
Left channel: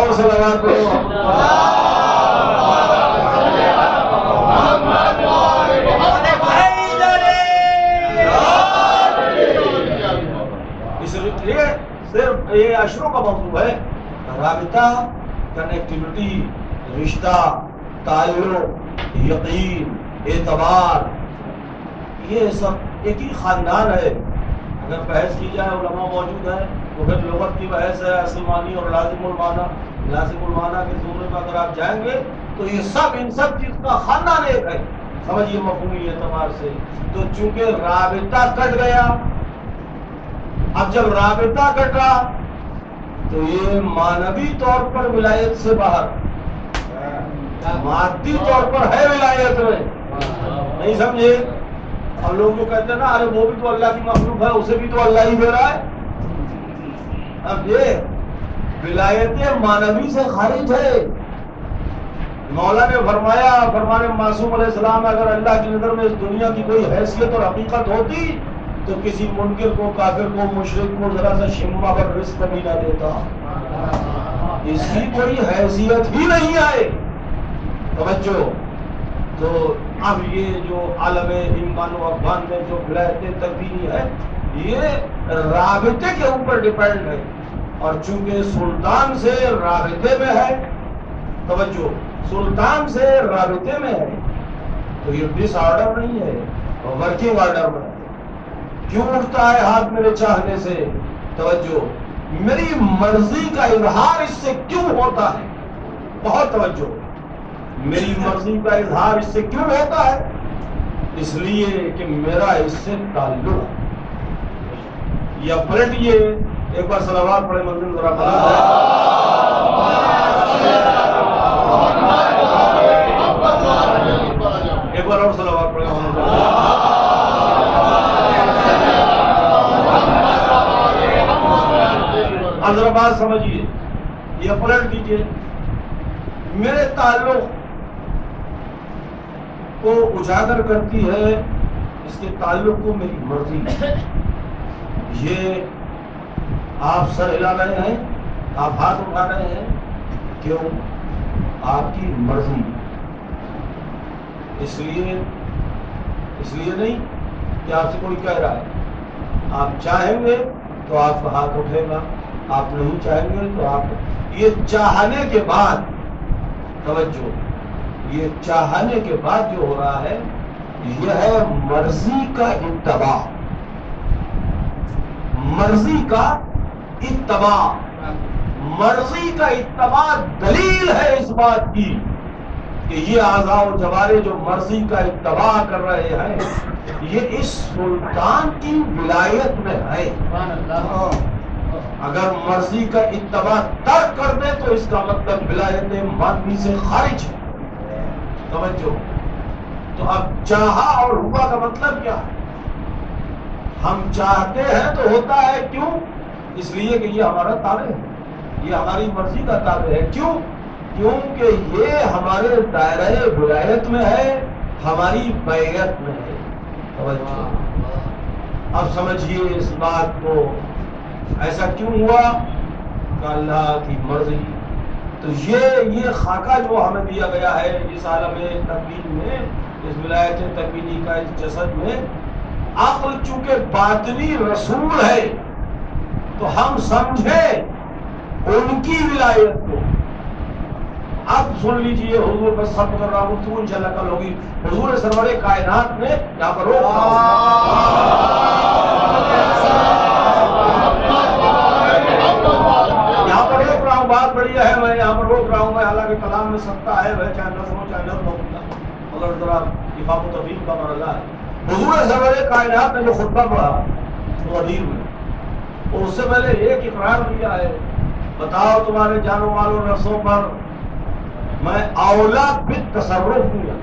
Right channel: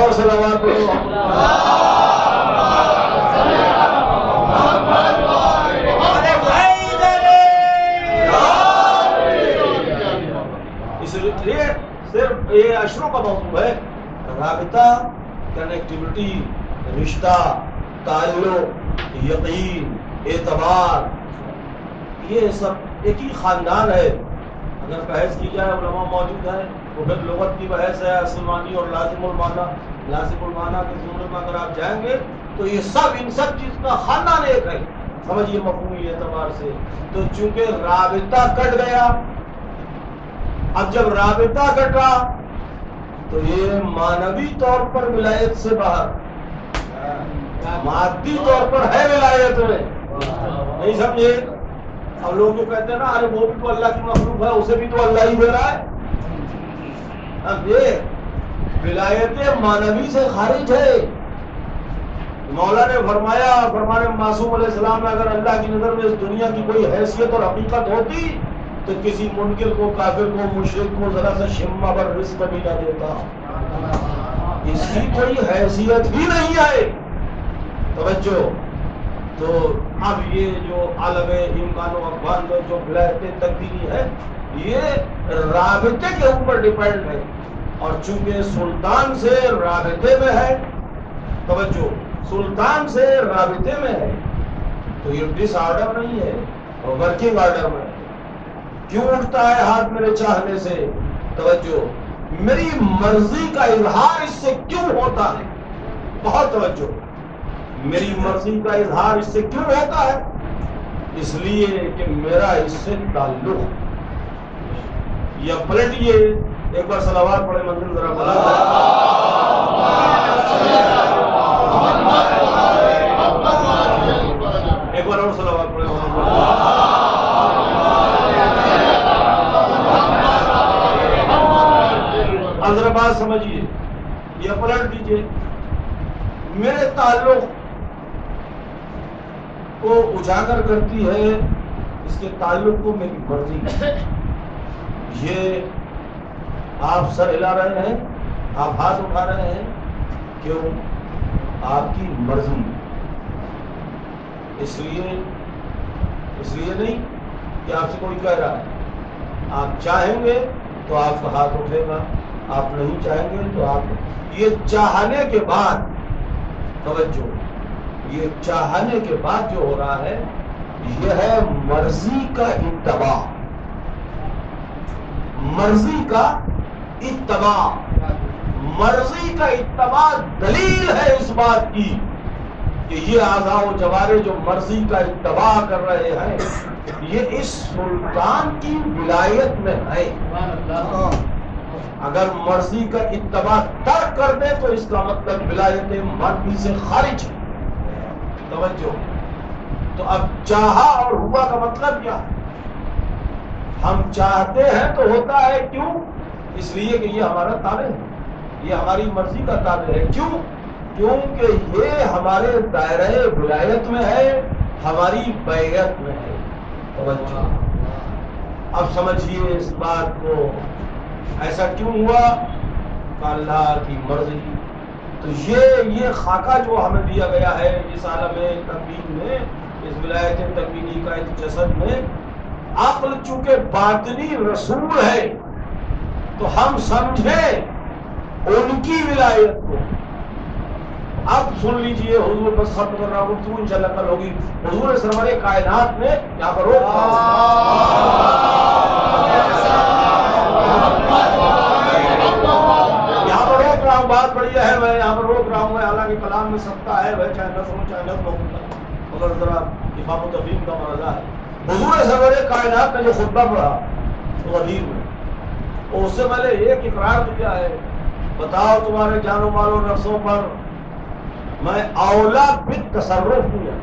اور سلامات اس لیے صرف یہ اشروں کا موضوع ہے. رابطہ، کنیکٹیوٹی، رشتہ، تعلق، یقین، اعتبار، یہ سب ایک ہی خاندان ہے. اگر بحث کی جائے علماء موجود ہیں تو پھر لغت کی بحث ہے، اصل معنی اور لازم المعنی. لازم المعنی کے زمرے میں اگر آپ جائیں گے تو یہ سب ان سب چیز کا خاندان ایک ہے. سمجھیے مفہومی اعتبار سے. تو چونکہ رابطہ کٹ گیا، اب جب رابطہ کٹا تو یہ مانوی طور پر ولایت سے باہر، مادی طور پر ہے ولایت میں. نہیں سمجھے؟ اور لوگ جو کہتے ہیں نا ارے وہ بھی تو اللہ کی مخلوق ہے، اسے بھی تو اللہ ہی دے رہا ہے. اب یہ ولایت مانوی سے خارج ہے. مولا نے فرمایا، فرمان معصوم علیہ السلام، اگر اللہ کی نظر میں اس دنیا کی کوئی حیثیت اور حقیقت ہوتی تو کسی منکر کو، کافر کو، مشرک کو ذرا سا شمع پر رزق بھی نہ دیتا. اس کی کوئی حیثیت ہی نہیں ہے. توجہ. تو اب یہ جو عالم امکان و افغان میں جو ولایت تکوینی ہے یہ رابطے کے اوپر ڈیپینڈ ہے. اور چونکہ سلطان سے رابطے میں ہے، توجہ، سلطان سے رابطے میں ہے تو یہ ڈس آرڈر نہیں ہے اور ورکنگ آرڈر میں ہے. کیوں اٹھتا ہے ہاتھ میرے چاہنے سے؟ توجہ، میری مرضی کا اظہار اس سے کیوں ہوتا ہے؟ بہت توجہ. میری مرضی کا اظہار اس سے کیوں ہوتا ہے؟ اس لیے کہ میرا اس سے تعلق ہے. یا پلٹیے، ایک بار صلوات پڑھے منزل ذرا بلند ہے. اور صلوات پڑھیں محمد۔ اب ذرا بات سمجھیے، یہ پلٹ دیجیے۔ میرے تعلق کو اجاگر کرتی ہے اس کے تعلق کو میری مرضی۔ یہ آپ سر ہلا رہے ہیں، آپ ہاتھ اٹھا رہے ہیں، کیوں؟ آپ کی مرضی۔ اس لیے نہیں کہ آپ سے کوئی کہہ رہا ہے۔ آپ چاہیں گے تو آپ کا ہاتھ اٹھے گا، آپ نہیں چاہیں گے تو آپ، یہ چاہنے کے بعد، توجہ، یہ چاہنے کے بعد جو ہو رہا ہے یہ ہے مرضی کا اتباع۔ مرضی کا اتباع، مرضی کا اتباع دلیل ہے اس بات کی کہ یہ اعضاء و جوارح جو مرضی کا اتباع کر رہے ہیں یہ اس سلطان کی ولایت میں ہے۔ اگر مرضی کا اتباع ترک کر دے تو اس کا مطلب ولایت مرضی سے خارج ہے۔ توجہ، تو اب چاہا اور ہوا کا مطلب کیا؟ ہم چاہتے ہیں تو ہوتا ہے، کیوں؟ اس لیے کہ یہ ہمارا تابع ہے، یہ ہماری مرضی کا تابع ہے۔ کیوں؟ کیونکہ یہ ہمارے دائرہ ولایت میں ہے، ہماری بیعت میں ہے۔ توجہ، اب سمجھیے اس بات کو، ایسا کیوں ہوا؟ کہ اللہ کی مرضی۔ تو یہ خاکہ جو ہمیں دیا گیا ہے اس عالم تکوین میں، اس ولایت تکوینی کا اس جسد میں، عقل چونکہ باطنی رسول ہے تو ہم سمجھیں ان کی ولایت کو۔ اب سن لیجئے، حضور بس ختم کر رہا ہوں، تو انشاءاللہ کل ہوگی۔ حضور سرور کائنات نے یہاں پر روک رہا ہوں، بات بڑی ہے، میں یہاں پر روک رہا ہوں۔ میں حالانکہ کلام میں سکتا ہے، وہ چاہے نظم ہو چاہے نظم ہو، مگر ذرا افہام و تفہیم کا مرحلہ ہے۔ حضور سرور کائنات نے جو خطبہ پڑھا غدیر میں، اور اس سے پہلے ایک اقرار دیا ہے، بتاؤ تمہارے جان و مال و نفسوں پر میں اولا بالتصرف ہوں۔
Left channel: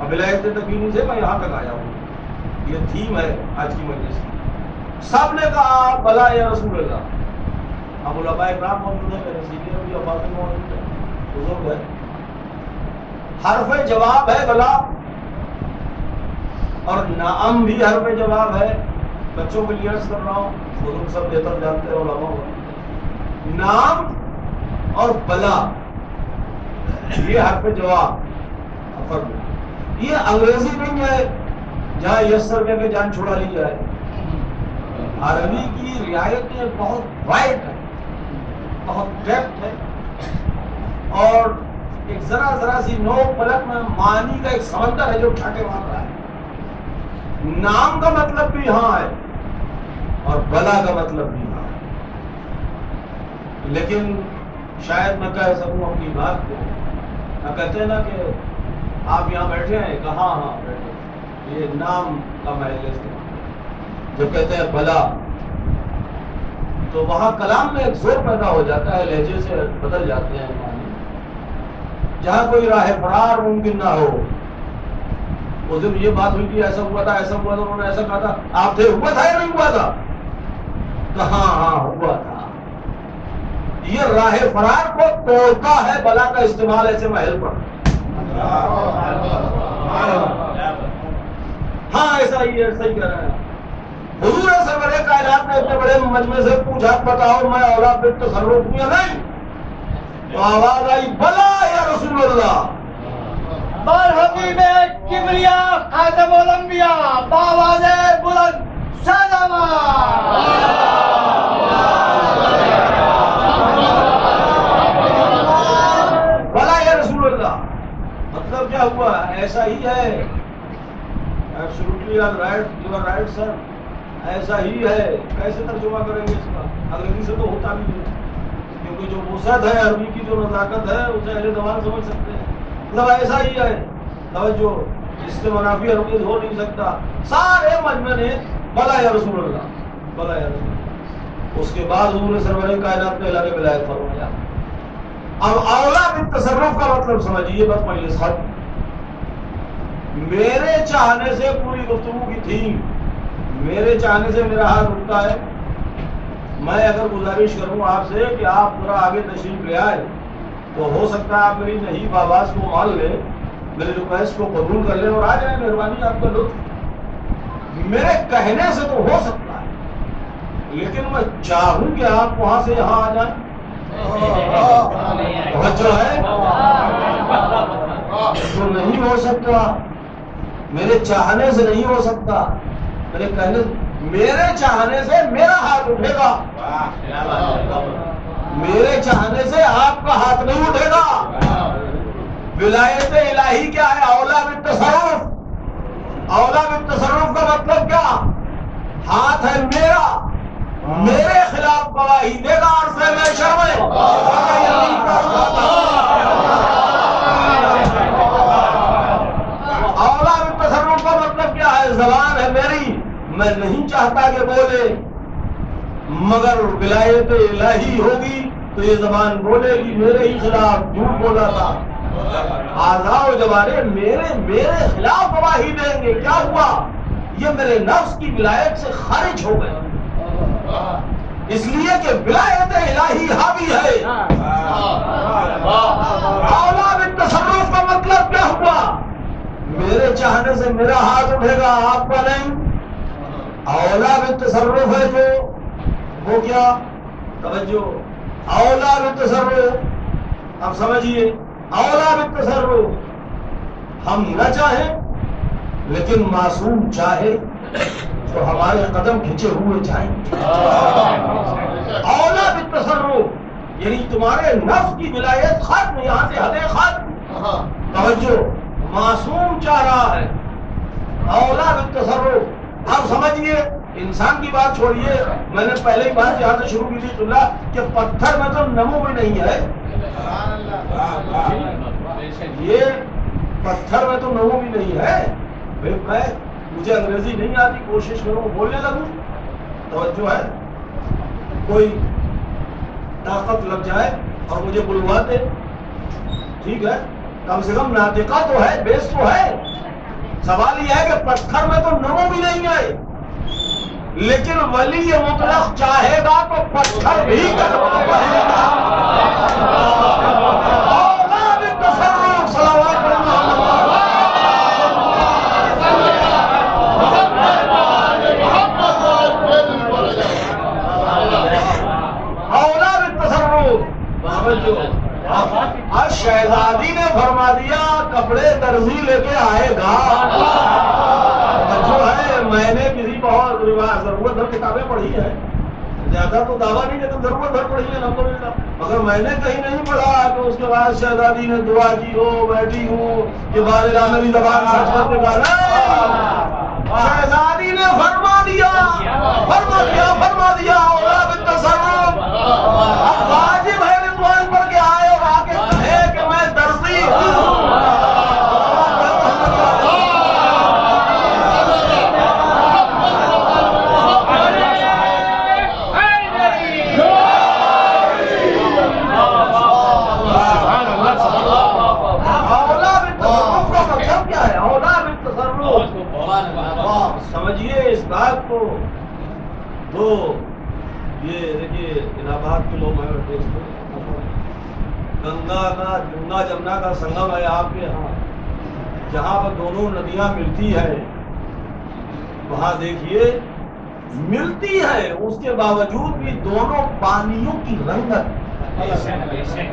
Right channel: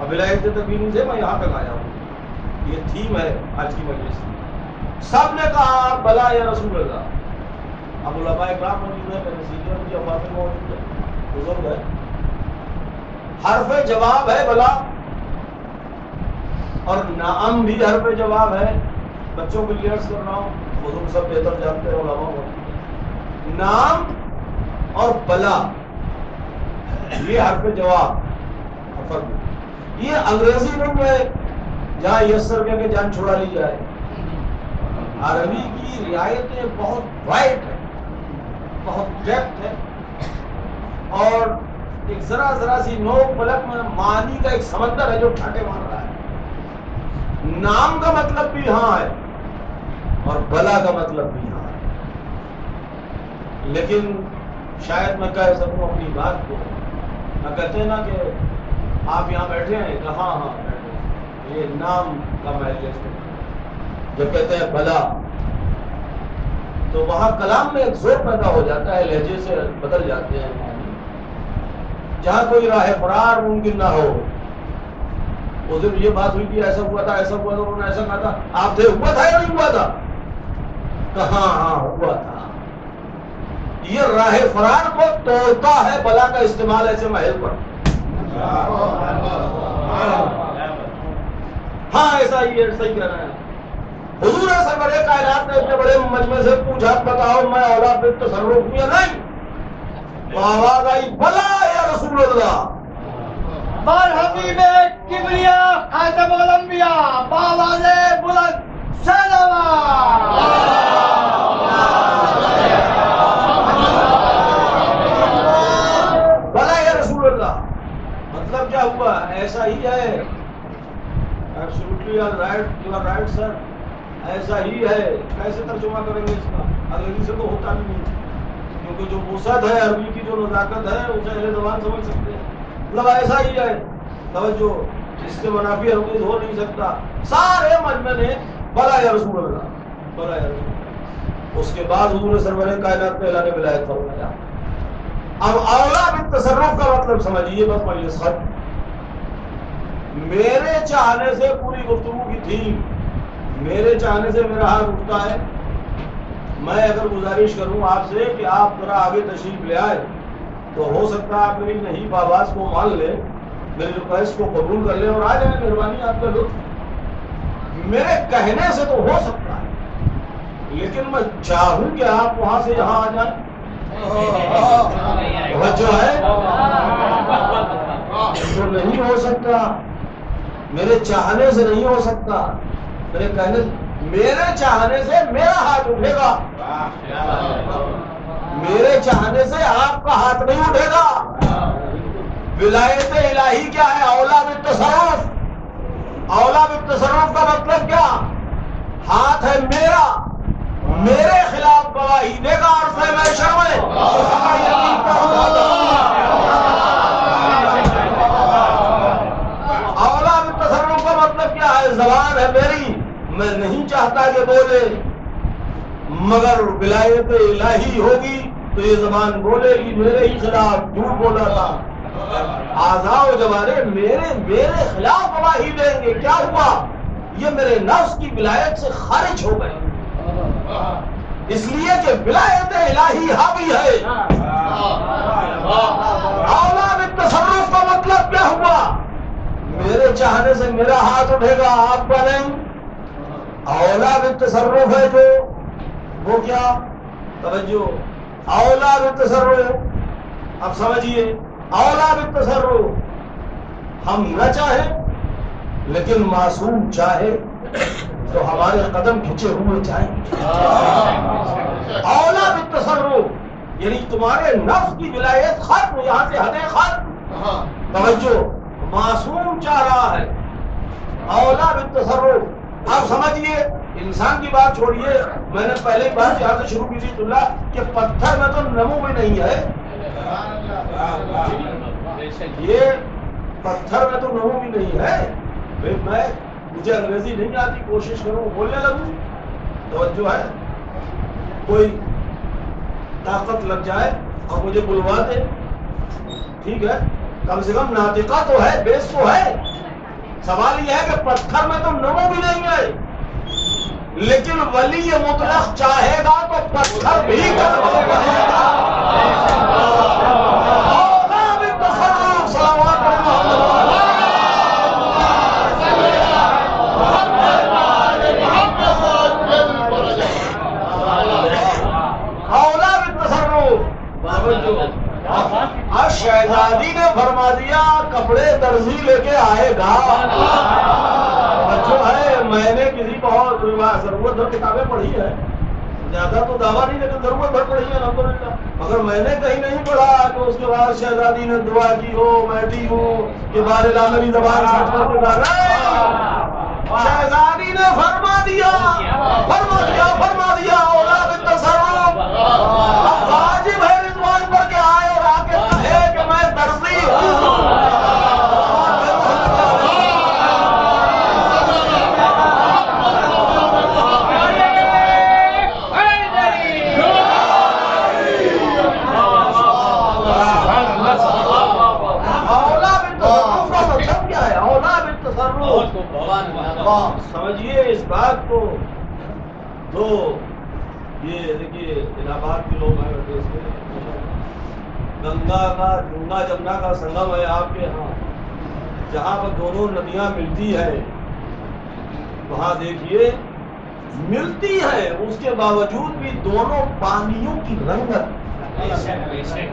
اب ولایت تکوینی سے میں یہاں تک آیا ہوں، یہ تھیم ہے آج کی مجلس کی۔ سب نے کہا بلا یا رسول اللہ۔ اب علماء اکرام موجود ہیں، میرے سینئر مجھے افاظ موجود ہے، بزرگ ہے، حرف جواب ہے بلا، اور نعم بھی حرف جواب ہے۔ بچوں کو لیے عرض کر رہا ہوں، بزرگ سب بہتر جانتے ہیں، علماء کو نعم اور بلا یہ حرف جواب، یہ انگریزی نہیں ہے جہاں یسر کہہ کے جان چھوڑا لی جائے۔ عربی کی رعایتیں بہت وائڈ ہے، بہت ڈیپتھ ہے، اور ایک ذرا سی نوک پلک میں معنی کا ایک سمندر ہے جو ٹھاٹے مار رہا ہے۔ نام کا مطلب بھی ہاں ہے اور بلا کا مطلب بھی ہاں ہے، لیکن شاید میں کہہ سکوں اپنی بات کو، میں کہتے ہیں نا کہ آپ یہاں بیٹھے ہیں، کہاں ہاں بیٹھے، یہ نام کا محل ہے۔ جب کہتے ہیں بلا تو وہاں کلام میں ایک زور پیدا ہو جاتا ہے، لہجے سے بدل جاتے ہیں معنی۔ جہاں کوئی راہ فرار ممکن نہ ہو، اس دن یہ بات ہوئی کہ ایسا ہوا تھا، ایسا ہوا تھا، انہوں نے ایسا کہا تھا، آپ تھے، ہوا تھا یا نہیں ہوا تھا؟ کہاں ہاں ہوا تھا۔ یہ راہ فرار کو توڑتا ہے بلا کا استعمال ایسے محل پر۔ ہاں ایسا ہی ہے، صحیح کہہ رہے ہیں۔ حضور سرور کائنات نے اتنے بڑے مجمع سے پوچھا، بتاؤ میں اولاد بالتصرف ہوں یا نہیں؟ تو آواز آئی بلا یا رسول اللہ۔ بار حبیب کبریا خاتم الانبیاء باواز بلند بلا یا رسول اللہ مطلب کیا ہوا؟ ایسا ہی ہے، absolutely right, you are right sir، ایسا ہی ہے۔ کیسے ترجمہ کریں گے اس کا؟ انگریزی سے تو ہوتا نہیں ہے، کیونکہ جو وسعت ہے عربی کی، جو نزاکت ہے، اسے اہل زبان سمجھ سکتے ہیں۔ مطلب ایسا ہی ہے، توجہ، اس کے منافی ہرگز ہو نہیں سکتا۔ سارے مجمع نے بلا یا رسول اللہ، بلا یا رسول اللہ۔ اس کے بعد حضور سرور کائنات نے اعلان ولایت فرمایا۔ اب اولا بالتصرف کا مطلب سمجھیے، بس مجلس ختم۔ میرے چاہنے سے پوری گفتگو کی تھی، میرے چاہنے سے میرا ہاتھ اٹھتا ہے. میں اگر گزارش کروں آپ سے کہ آپ ذرا آگے تشریف لے آئے تو ہو سکتا ہے آپ میری نہیں آواز کو مان لیں، میرے ریکویسٹ کو قبول کر لیں اور آ جائیں. مہربانی آپ کا لطف میرے کہنے سے تو ہو سکتا ہے، لیکن میں چاہوں کہ آپ وہاں سے یہاں آ جائیں. جو ہے وہ نہیں ہو سکتا، میرے چاہنے سے نہیں ہو سکتا. میرے چاہنے سے میرا ہاتھ اٹھے گا، میرے چاہنے سے آپ کا ہاتھ نہیں اٹھے گا. ولایت الہی کیا ہے؟ اولا بالتصرف. اولا بالتصرف کا مطلب کیا؟ ہاتھ ہے میرا، میرے خلاف گواہی دے گا عرصہ محشر میں. اولا بالتصرف کا مطلب کیا ہے؟ زبان ہے میری، میں نہیں چاہتا کہ بولے، مگر ولایت الہی ہوگی تو یہ زبان بولے گی. میرے ہی خلاف جھوٹ بولا تھا، اعضاء و جوارح میرے خلاف گواہی دیں گے. کیا ہوا؟ یہ میرے نفس کی ولایت سے خارج ہو گئے، اس لیے کہ ولایت الہی حاوی ہے. اولا بالتصرف کا مطلب کیا ہوا؟ میرے چاہنے سے میرا ہاتھ اٹھے گا، آپ کا نہیں. اولا بالتصرف ہے جو وہ کیا؟ توجہ. اولا بالتصرف، اب سمجھیے. اولا بالتصرف، ہم نہ چاہیں لیکن معصوم چاہے تو ہمارے قدم کھینچے ہوئے جائیں. اولا بالتصرف یعنی تمہارے نفس کی ولایت ختم، یہاں سے حدیں ختم. توجہ، معصوم چاہ رہا ہے. اولا بالتصرف. اب سمجھیے، انسان کی بات چھوڑیے، میں نے پہلے بات یہاں سے شروع کی تھی اللہ کہ پتھر میں تو نمو بھی نہیں ہے. یہ پتھر میں تو نمو بھی نہیں ہے. پھر مجھے انگریزی نہیں آتی، کوشش کروں بولنے لگوں. توجہ ہے، کوئی طاقت لگ جائے اور مجھے بلوا دے، ٹھیک ہے، کم سے کم ناطقہ تو ہے، بیس تو ہے. سوال یہ ہے کہ پتھر میں تو نمو بھی نہیں ہے، لیکن ولی مطلق چاہے گا تو پتھر بھی کلمہ پڑھے گا. اولا بالتصرف. صلوات محمد. اولا بالتصرف. اب شہزادی نے فرما دیا کپڑے درزی لے کے آئے گا. جو ہے میں نے کسی بہت ضرورت بھر کتابیں پڑھی ہے، زیادہ تو دعویٰ نہیں لیکن ضرورت بھر پڑھی ہے الحمدللہ، مگر میں نے کہیں نہیں پڑھا کہ اس کے بعد شہزادی نے دعا کی ہو، بیٹھی ہو کہ بارے میری زبان سچ کر دے گا. شہزادی نے فرما دیا اولا بالتصرف. اب واجب ہے رضوان پر کے آئے اور آ کے کہے کہ میں درزی ہوں. سمجھیے اس بات کو. تو یہ دیکھیے الہ آباد کے لوگ ہیں، گنگا جمنا کا سنگم ہے آپ کے یہاں، جہاں پر دونوں ندیاں ملتی ہیں، وہاں دیکھیے ملتی ہے، اس کے باوجود بھی دونوں پانیوں کی رنگت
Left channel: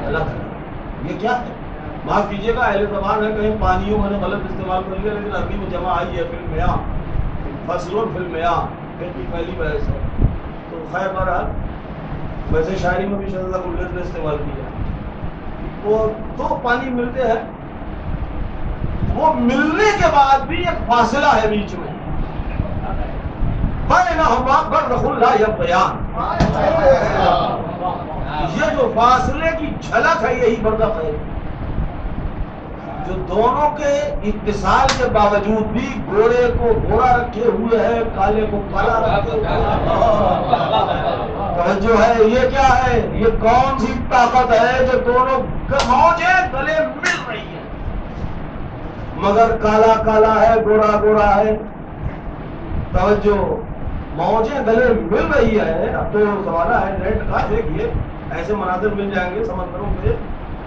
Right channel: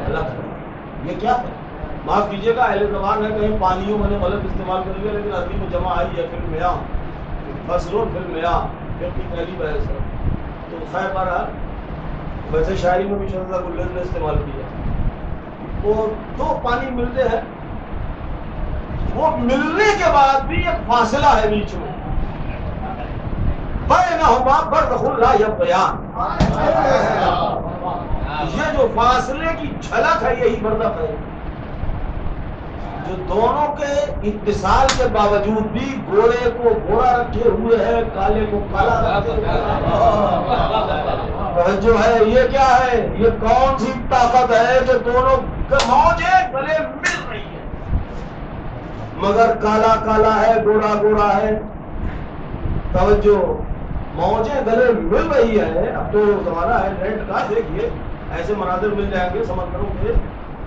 الگ ہے. یہ کیا ہے؟ معاف کیجیے گا اہل زبان ہے، کہیں پانیوں میں نے غلط استعمال کر لیا، لیکن عربی میں جمع آئی ہے. فی المیاں، فصل فی المیاں، پھر کی پہلی بحث ہے. تو خیر بہرحال ویسے شاعری میں بھی شہزادہ گلز نے استعمال کیا. وہ دو پانی ملتے ہیں، وہ ملنے کے بعد بھی ایک فاصلہ ہے بیچ میں، بینہما برزخ لا یبغیان. یہ جو فاصلے کی جھلک ہے یہی برزخ ہے، جو دونوں کے اتصال کے باوجود بھی گورے کو گورا رکھے ہوئے ہے، کالے کو کالا رکھے ہوئے. جو ہے یہ کیا ہے؟ یہ کون سی طاقت ہے جو دونوں موجیں گلے مل رہی ہیں؟ مگر کالا کالا ہے، گورا گورا ہے. توجہ، موجیں گلے مل رہی ہے. اب تو زمانہ ہے نیٹ کا، دیکھیے ایسے مناظر مل جائیں گے سمندروں کے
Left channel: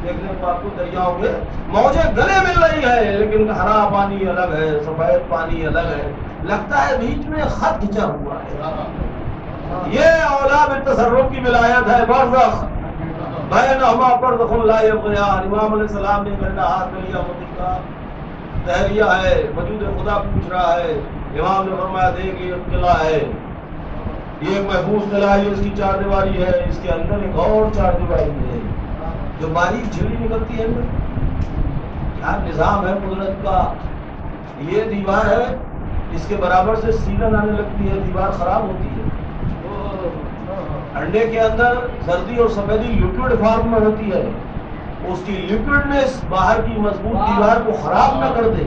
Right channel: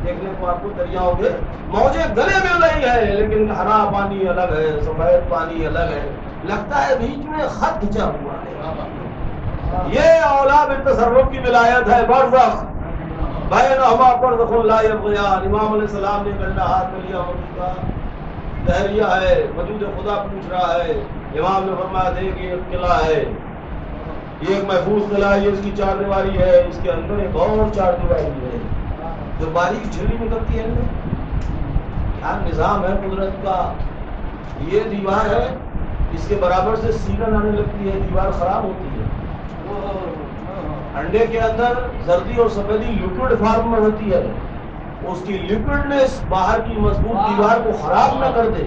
دیکھنے کو آپ کو، دریاؤں کے موجیں گلے مل رہی ہے، لیکن ہرا پانی الگ ہے، سفید پانی الگ ہے، لگتا ہے بیچ میں خط کھینچا ہوا ہے. یہ اولا بالتصرف کی ولایت ہے. برزخ بینہما برزخ لا یبغیان. امام علیہ السلام نے گندا ہاتھ میں لیا مٹی کا تحریہ ہے، وجود خدا پوچھ رہا ہے. امام نے فرمایا دیکھ یہ قلعہ ہے، یہ ایک محفوظ قلعہ ہے، اس کی چار دیواری ہے، اس کے اندر ایک اور چار دیواری ہے جو باریک جھلی نکلتی ہے. کیا نظام ہے قدرت کا. یہ دیوار ہے، اس کے برابر سے سیلن آنے لگتی ہے، دیوار خراب ہوتی ہے. انڈے کے اندر زردی اور سفیدی لیکوڈ فارم میں ہوتی ہے، اس کی لیکوڈنس باہر کی مضبوط دیوار کو خراب نہ کر دے،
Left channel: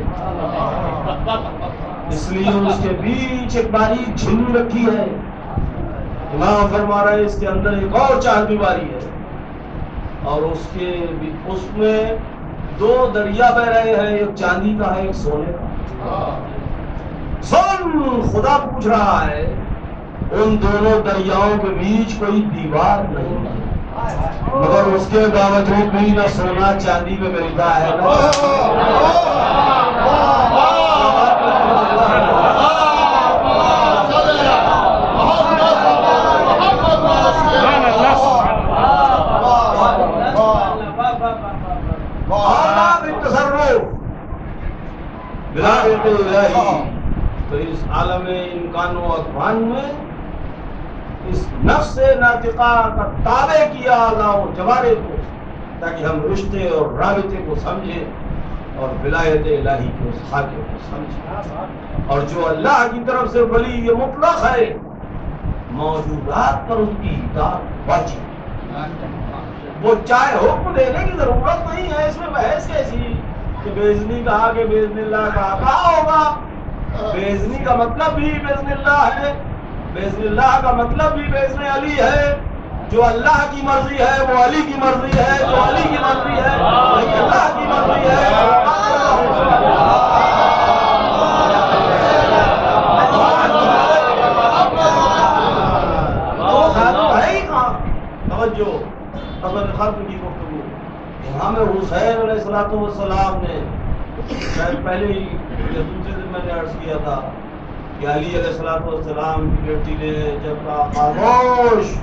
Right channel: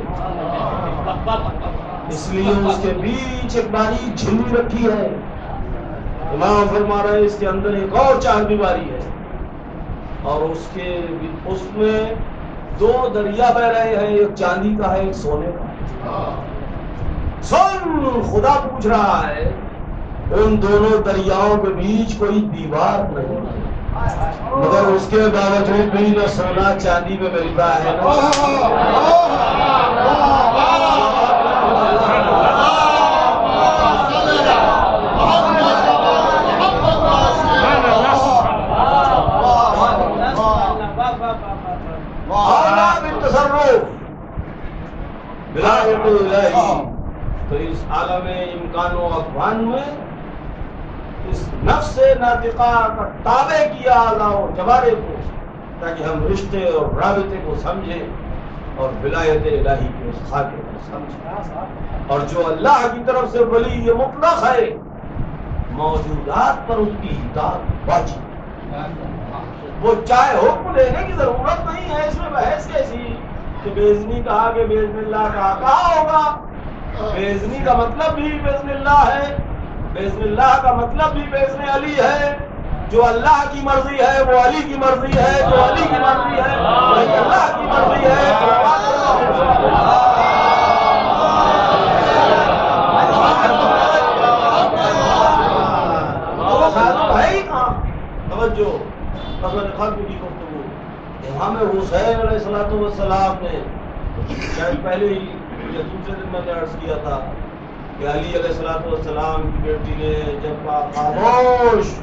اس لیے اس کے بیچ ایک باریک جھلی رکھی ہے. امام فرما رہے اس کے اندر ایک اور چار دیواری ہے، اور اس میں دو دریا بہ رہے ہیں، ایک چاندی کا ہے، ایک سونے کا. سن، خدا پوچھ رہا ہے ان دونوں دریاؤں کے بیچ کوئی دیوار نہیں ہے، مگر اس کے باوجود بھی نہ سونا چاندی میں ملتا ہے ولایت الہی. تو اس عالم امکان و اکوان میں اس نفس ناطقہ کا تابع کیا اعضاء و جوارح کو، تاکہ ہم رشتے اور رابطے کو سمجھیں اور ولایت الہی کے اس خاکے کو سمجھیں. اور جو اللہ کی طرف سے ولی یہ مطلق ہے، موجودات پر اس کی اطاعت واجب. وہ چاہے حکم دینے کی ضرورت نہیں ہے، اس میں بحث کیسی کہ بیزنی کہا کہ باذن اللہ کہا ہوگا. بیزنی کا مطلب بھی باذن اللہ ہے، باذن اللہ کا مطلب بھی باذن علی ہے. جو اللہ کی مرضی ہے وہ علی کی مرضی ہے، جو علی کی مرضی ہے وہی اللہ کی مرضی ہے. ہے ہی کہاں توجہ اصل خلق کی گفتگو. امام حسین علیہ السلام نے شاید پہلے ہی یا دوسرے دن میں نے عرض کیا تھا کہ علی علیہ السلام کی بیٹی نے جب کہا خاموش،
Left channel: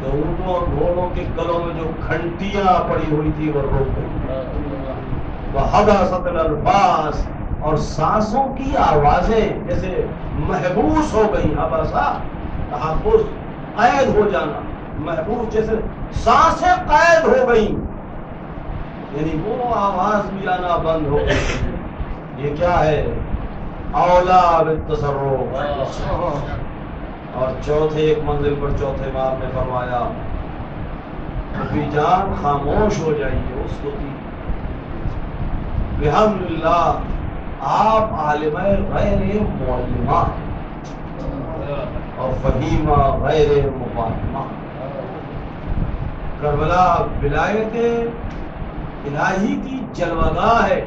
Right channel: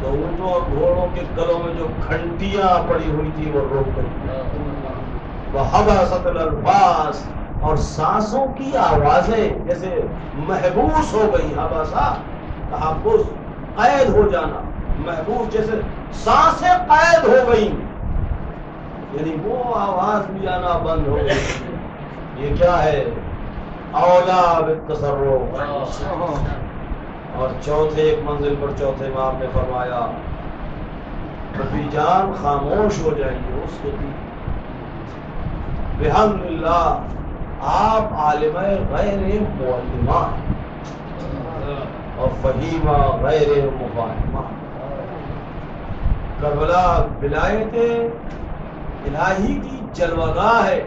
تو اونٹوں اور گھوڑوں کے گلوں میں جو گھنٹیاں پڑی ہوئی تھی وہ رک گئی. وحبست الالفاظ، اور سانسوں کی آوازیں جیسے محبوس ہو گئی. حبسہ تحبس، قید ہو جانا، محبوس جیسے سانسیں قید ہو گئی، یعنی وہ آواز بھی آنا بند ہو گئی. یہ کیا ہے؟ اولا بالتصرف. اور چوتھے ایک منزل پر چوتھے امام نے فرمایا کبھی جان خاموش ہو جائیے اس کو دی. الحمدللہ آپ عالم غیر معلمہ اور فہیمہ غیر مفاہمہ. کربلا ولایت الہی کی جلوگاہ ہے.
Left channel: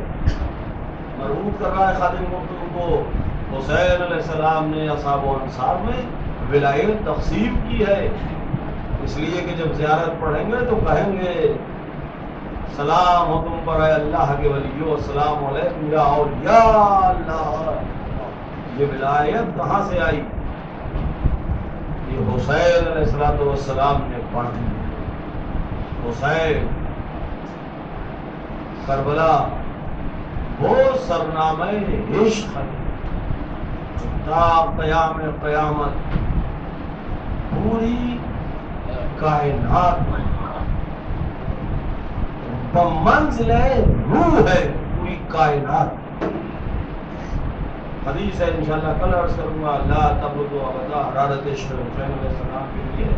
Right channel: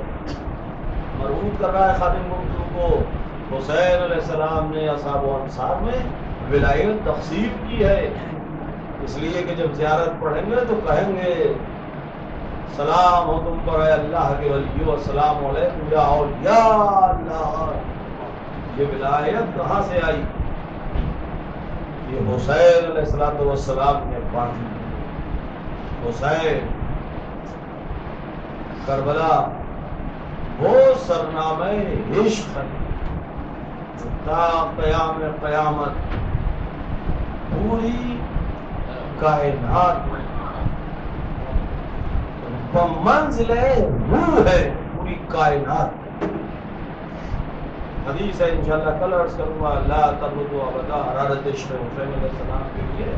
مربوط کر رہا ہے خادم گفتگو کو. حسین علیہ السلام نے اصحاب و انصار میں ولایت تقسیم کی ہے، اس لیے کہ جب زیارت پڑھیں گے تو کہیں گے سلام ہو تم پر اے اللہ کے ولیو، السلام علیکم یا اولیاء اللہ. یہ ولایت کہاں سے آئی؟ یہ حسین علیہ السلام نے بانٹی. حسین کربلا وہ سرنامہ عشق ہے تا قیام قیامت پوری کائنات میں بمنزل روح ہے پوری کائنات. حدیث ہے انشاءاللہ کل عرض کروں گا، لا تبرد ابدا حرارت عشق حسین علیہ السلام کے لیے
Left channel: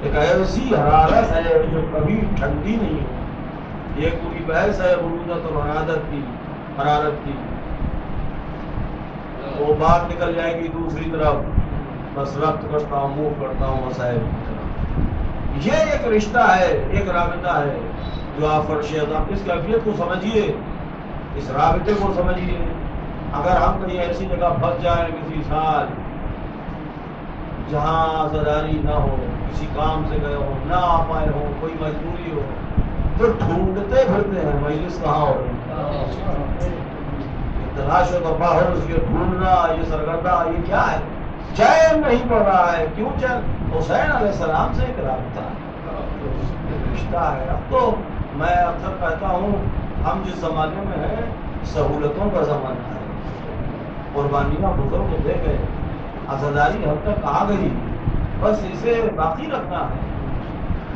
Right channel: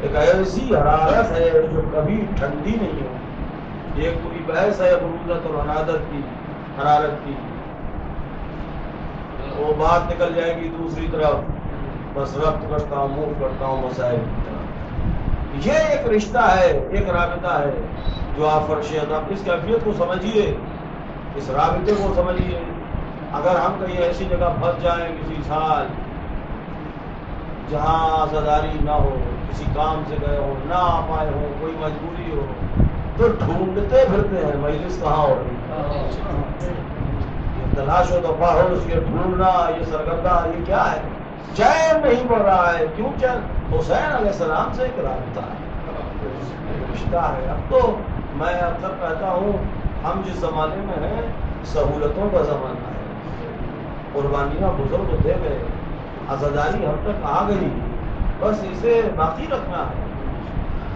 ایک ایسی حرارت ہے جو کبھی ٹھنڈی نہیں ہو. یہ پوری بحث ہے برودت اور حرارت کی. وہ بات نکل جائے گی دوسری طرف، بس ربط کرتا ہوں، موو کرتا ہوں مسائل کی طرف. یہ ایک رشتہ ہے، ایک رابطہ ہے جو آپ فرشیت، آپ اس کیفیت کو سمجھیے اس رابطے کو سمجھیے. اگر ہم کہیں ایسی جگہ پھنس جائیں کسی سال جہاں عزاداری نہ ہو، کسی کام سے گئے ہو، نہ آ پائے ہو، کوئی مجبوری ہو، تو ڈھونڈتے پھرتے ہیں مجلس کہاں ہو رہی. تلاش و دفاع ہو، یہ ڈھونڈنا، یہ سرگردہ، یہ کیا ہے؟ چین نہیں پڑ رہا ہے. کیوں چین؟ حسین علیہ السلام سے ایک رابطہ ہے، ایک رشتہ ہے. اب تو میں اکثر کہتا ہوں ہم جس زمانے میں ہیں سہولتوں کا زمانہ ہے. قربانیاں بزرگ ہوتے گئے، عزاداری حد تک آ گئی، بس اسے باقی رکھنا ہے.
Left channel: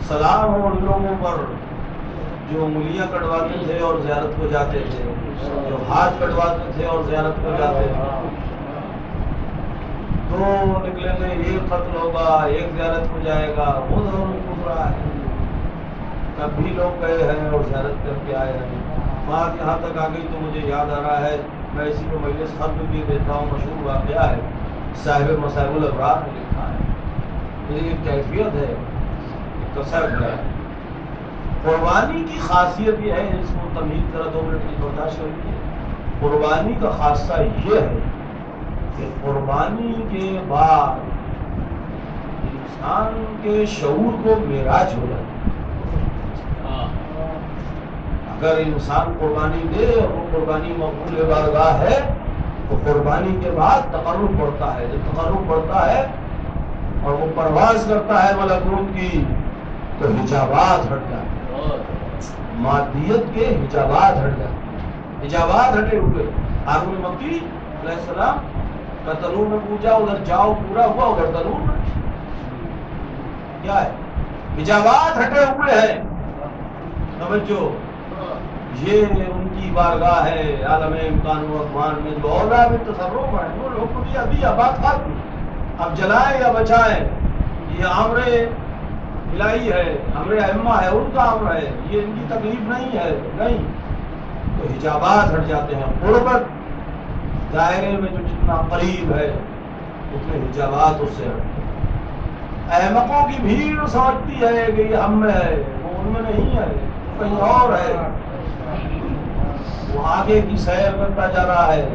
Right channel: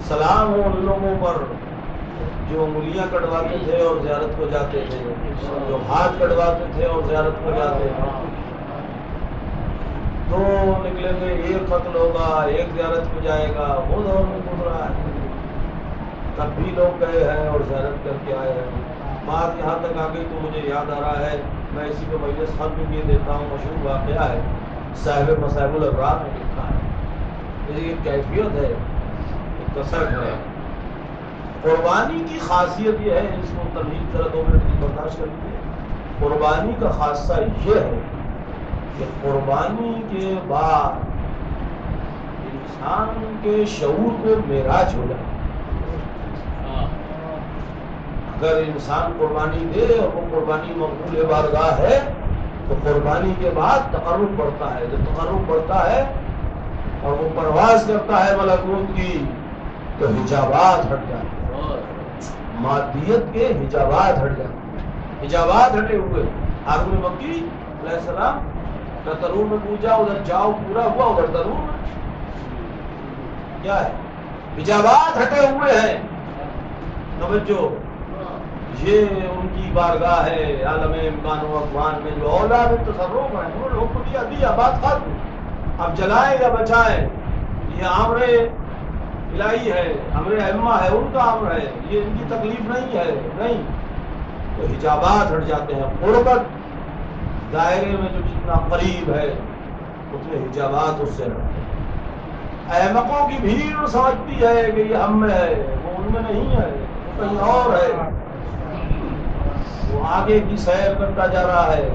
سلام ہو ان لوگوں پر جو انگلیاں کٹواتے تھے اور زیارت کو جاتے تھے، جو ہاتھ کٹواتے تھے اور زیارت کو جاتے تھے. دو نکلے میں ایک قتل ہوگا، ایک زیارت کو جائے گا. وہ دور میں گزرا ہے. تب بھی لوگ گئے ہیں اور زیارت کر کے آئے ہیں. بات یہاں تک آ گئی تو مجھے یاد آ رہا ہے، میں اسی کو مجلس ختم بھی دیتا ہوں. مشہور واقعہ ہے، صاحب مصائب الابرار نے لکھا ہے. یہ ایک کیفیت ہے، ایک کثرت ہے. قربانی کی خاصیت یہ ہے، اس کو تمہید ذرا 2 منٹ کی برداشت کر لیجیے. قربانی کا خاصہ یہ ہے کہ قربانی کے بعد انسان کے شعور کو معراج ہو جاتا ہے. اگر انسان قربانی دے اور وہ قربانی مقبول بارگاہ ہے تو قربانی کے بعد تقرب بڑھتا ہے. جب تقرب بڑھتا ہے اور وہ پرواز کرتا ہے ملکوت کی تو حجابات ہٹ جاتے ہیں، مادیت کے حجابات ہٹ جاتے ہیں. حجابات ہٹے ہوئے. ہارون مکی علیہ السلام کا تنور میں پوجا، ادھر جاؤ پورا ہوا، ادھر تنور میں کیا ہے؟ حجابات ہٹے ہوئے ہیں. توجہ، یہ ان کی بارگاہ ہے عالم امکان و اقوان میں جو اولاد تصرف ہے. وہ لوگ کو دیا بات ختم. اب جلائیں یا بچائیں یہ امر الہی ہے، امر ائمہ ہے، ان کا امر ہے، یہ ان کی تکلیف نہیں ہے. نہیں تو حجابات ہٹ جاتے ہیں. قربت دائرے میں جو جتنا قریب ہے اتنے حجابات اس سے ہٹتے ہیں. احمقوں کی بھیڑ سمجھتی ہے کہ یہ ہم میں ہے، وہ ان میں نہیں ہے، وہ کہیں اور ہے. وہ آگے کی سیر کرتا جا رہا ہے.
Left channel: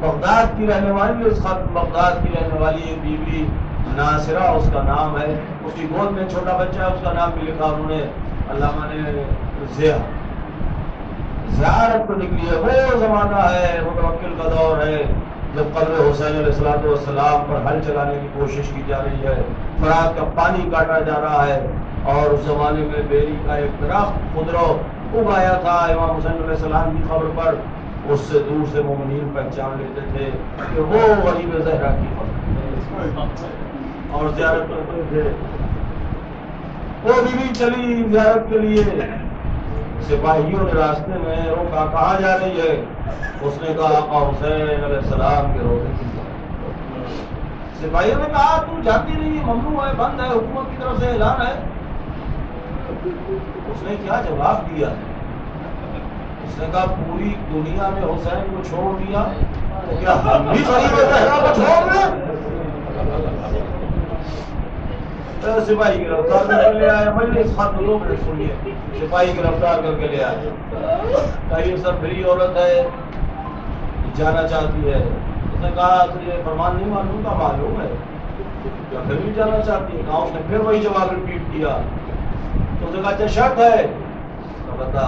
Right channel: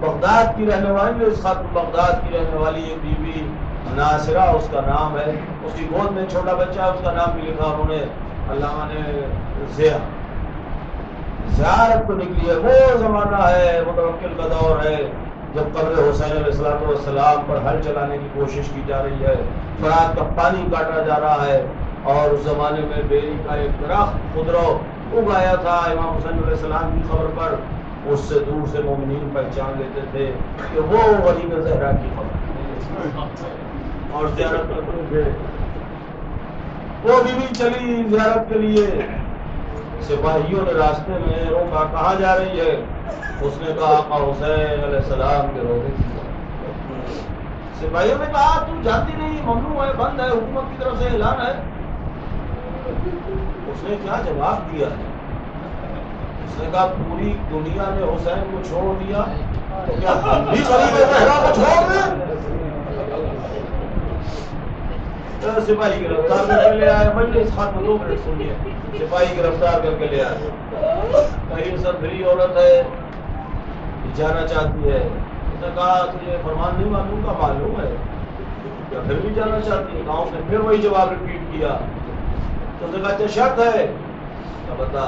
بغداد کی رہنے والی، اس خط بغداد کی رہنے والی ایک بیوی ناصرہ اس کا نام ہے. اس کی گود میں چھوٹا بچہ ہے، اس کا نام بھی لکھا انہوں نے، علامہ نے زیارت کو نکلی ہے. وہ زمانہ ہے، متوکل کا دور ہے جب قبر حسین علیہ السلام پر ہل چلانے کی کوشش کی جا رہی ہے. فرات کا پانی کاٹا جا رہا ہے اور اس زمانے میں بیری کا ایک درخت خضرو اگایا تھا امام حسین علیہ السلام کی قبر پر. اس سے دور سے مومنین پہچان لیتے تھے کہ وہ غریب زہرا کی قبر اور زیارت کرتے تھے. وہ بیوی چلی زیارت کے لیے. سپاہیوں نے راستے میں روکا، کہاں جا رہی ہے؟ اس نے کہا آقا حسین علیہ السلام کے روزے کی طرف. سپاہیوں نے کہا تم جاتی نہیں، ممنوع ہے، بند ہے، حکومت کی طرف سے اعلان ہے. اس نے کیا جواب دیا؟ اس نے کہا پوری دنیا نے حسین کو چھوڑ دیا تو کیا ہم بھی غریب زہرا کو چھوڑ دیں؟ سپاہی گرفتار کر کے لے آئے. مجلس ختم، 2 منٹ سنیے. سپاہی گرفتار کر کے لے آئے. کہیں سب فری عورت ہے، جانا چاہتی ہے. اس نے کہا تجھے فرمان نہیں معلوم کا؟ معلوم ہے. یا پھر بھی جانا چاہتی ہے؟ کہا. اس نے پھر وہی جواب ریپیٹ کیا. تو اس نے کہا اچھا شرط ہے تو بتا.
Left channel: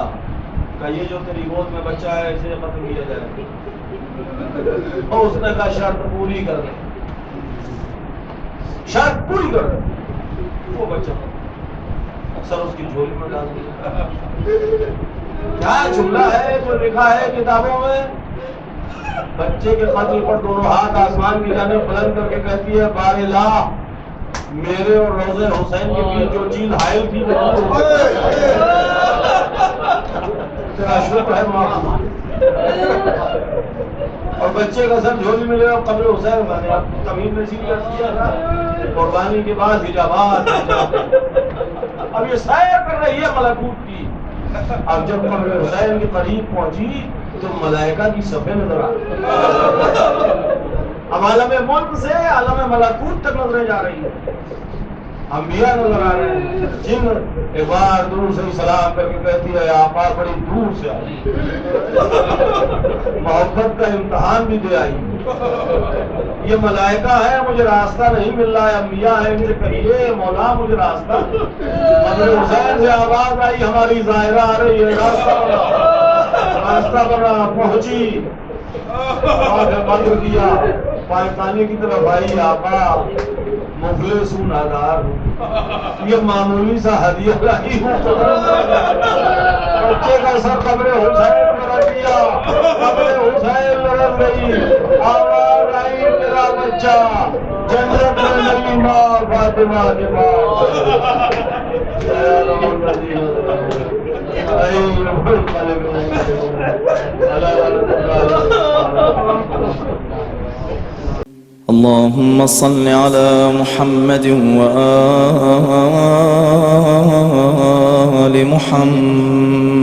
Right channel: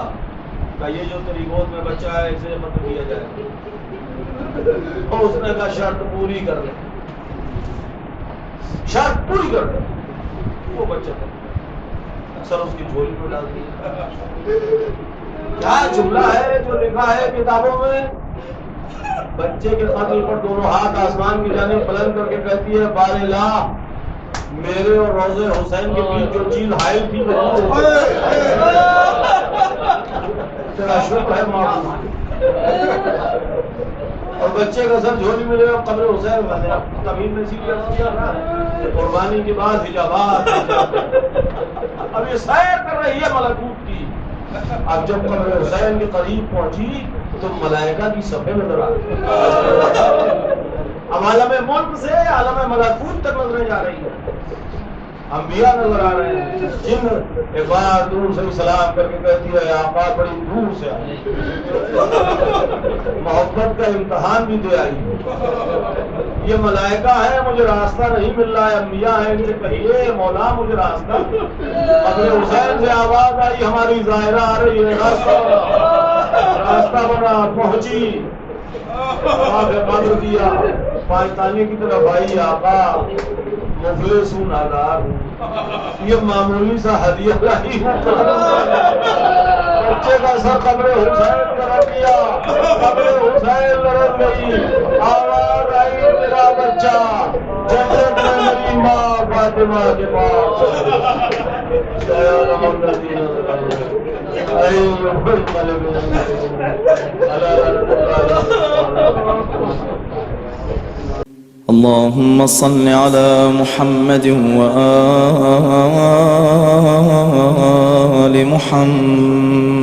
کہ یہ جو تیری گود میں بچہ ہے اسے قتل کیا جائے. اور اس نے کہا شرط پوری کر دے، شرط پوری کر دے. وہ بچہ سر اس کی جھولی میں ڈال دیا. کیا جملہ ہے جو لکھا ہے کتابوں میں؟ بچے کے قتل پر دونوں ہاتھ آسمان کی جانب بلند کر کے کہتی ہے بار لا، میرے اور روزے حسین کے بیچ جو چیز حائل تھی تیرا شکر ہے ماں. اور بچے کا سر جھولی میں لے اور قبر حسین بنے. اب تمیم نے کیا تھا قربانی کے بعد حجابات. اب یہ سیر کر رہی ہے ملکوت کی. اب جب قبر حسین کے قریب پہنچی تو ملائکہ کی صفیں نظر آ اب عالم ملک سے عالم ملکوت تک نظریں جا رہی ہے. انبیاء نظر آ رہے ہیں. جن ایک بار دور سے سلام کر کے کہتی ہے آقا بڑی دور سے آئی, محبت کا امتحان بھی دے آئی. یہ ملائکہ ہے, مجھے راستہ نہیں مل رہا ہے. انبیاء ہیں, ان سے کہیے مولا مجھے راستہ. قبر حسین سے آواز آئی ہماری ظاہرہ آ رہی ہے, راستہ بنا, راستہ بنا. پہنچی, بدر کیا, پاکستانی کی طرف آئی. آقا مفلس ہوں, نادار ہوں, یہ معمولی سا ہدیہ لائی ہوں. بچے کا سر قبر حسین پر رکھ دیا, قبر حسین لڑک گئی. آواز آئی میرا بچہ جنت میں میری ماں فاطمہ کے پاس. اللهم صل على محمد وآل محمد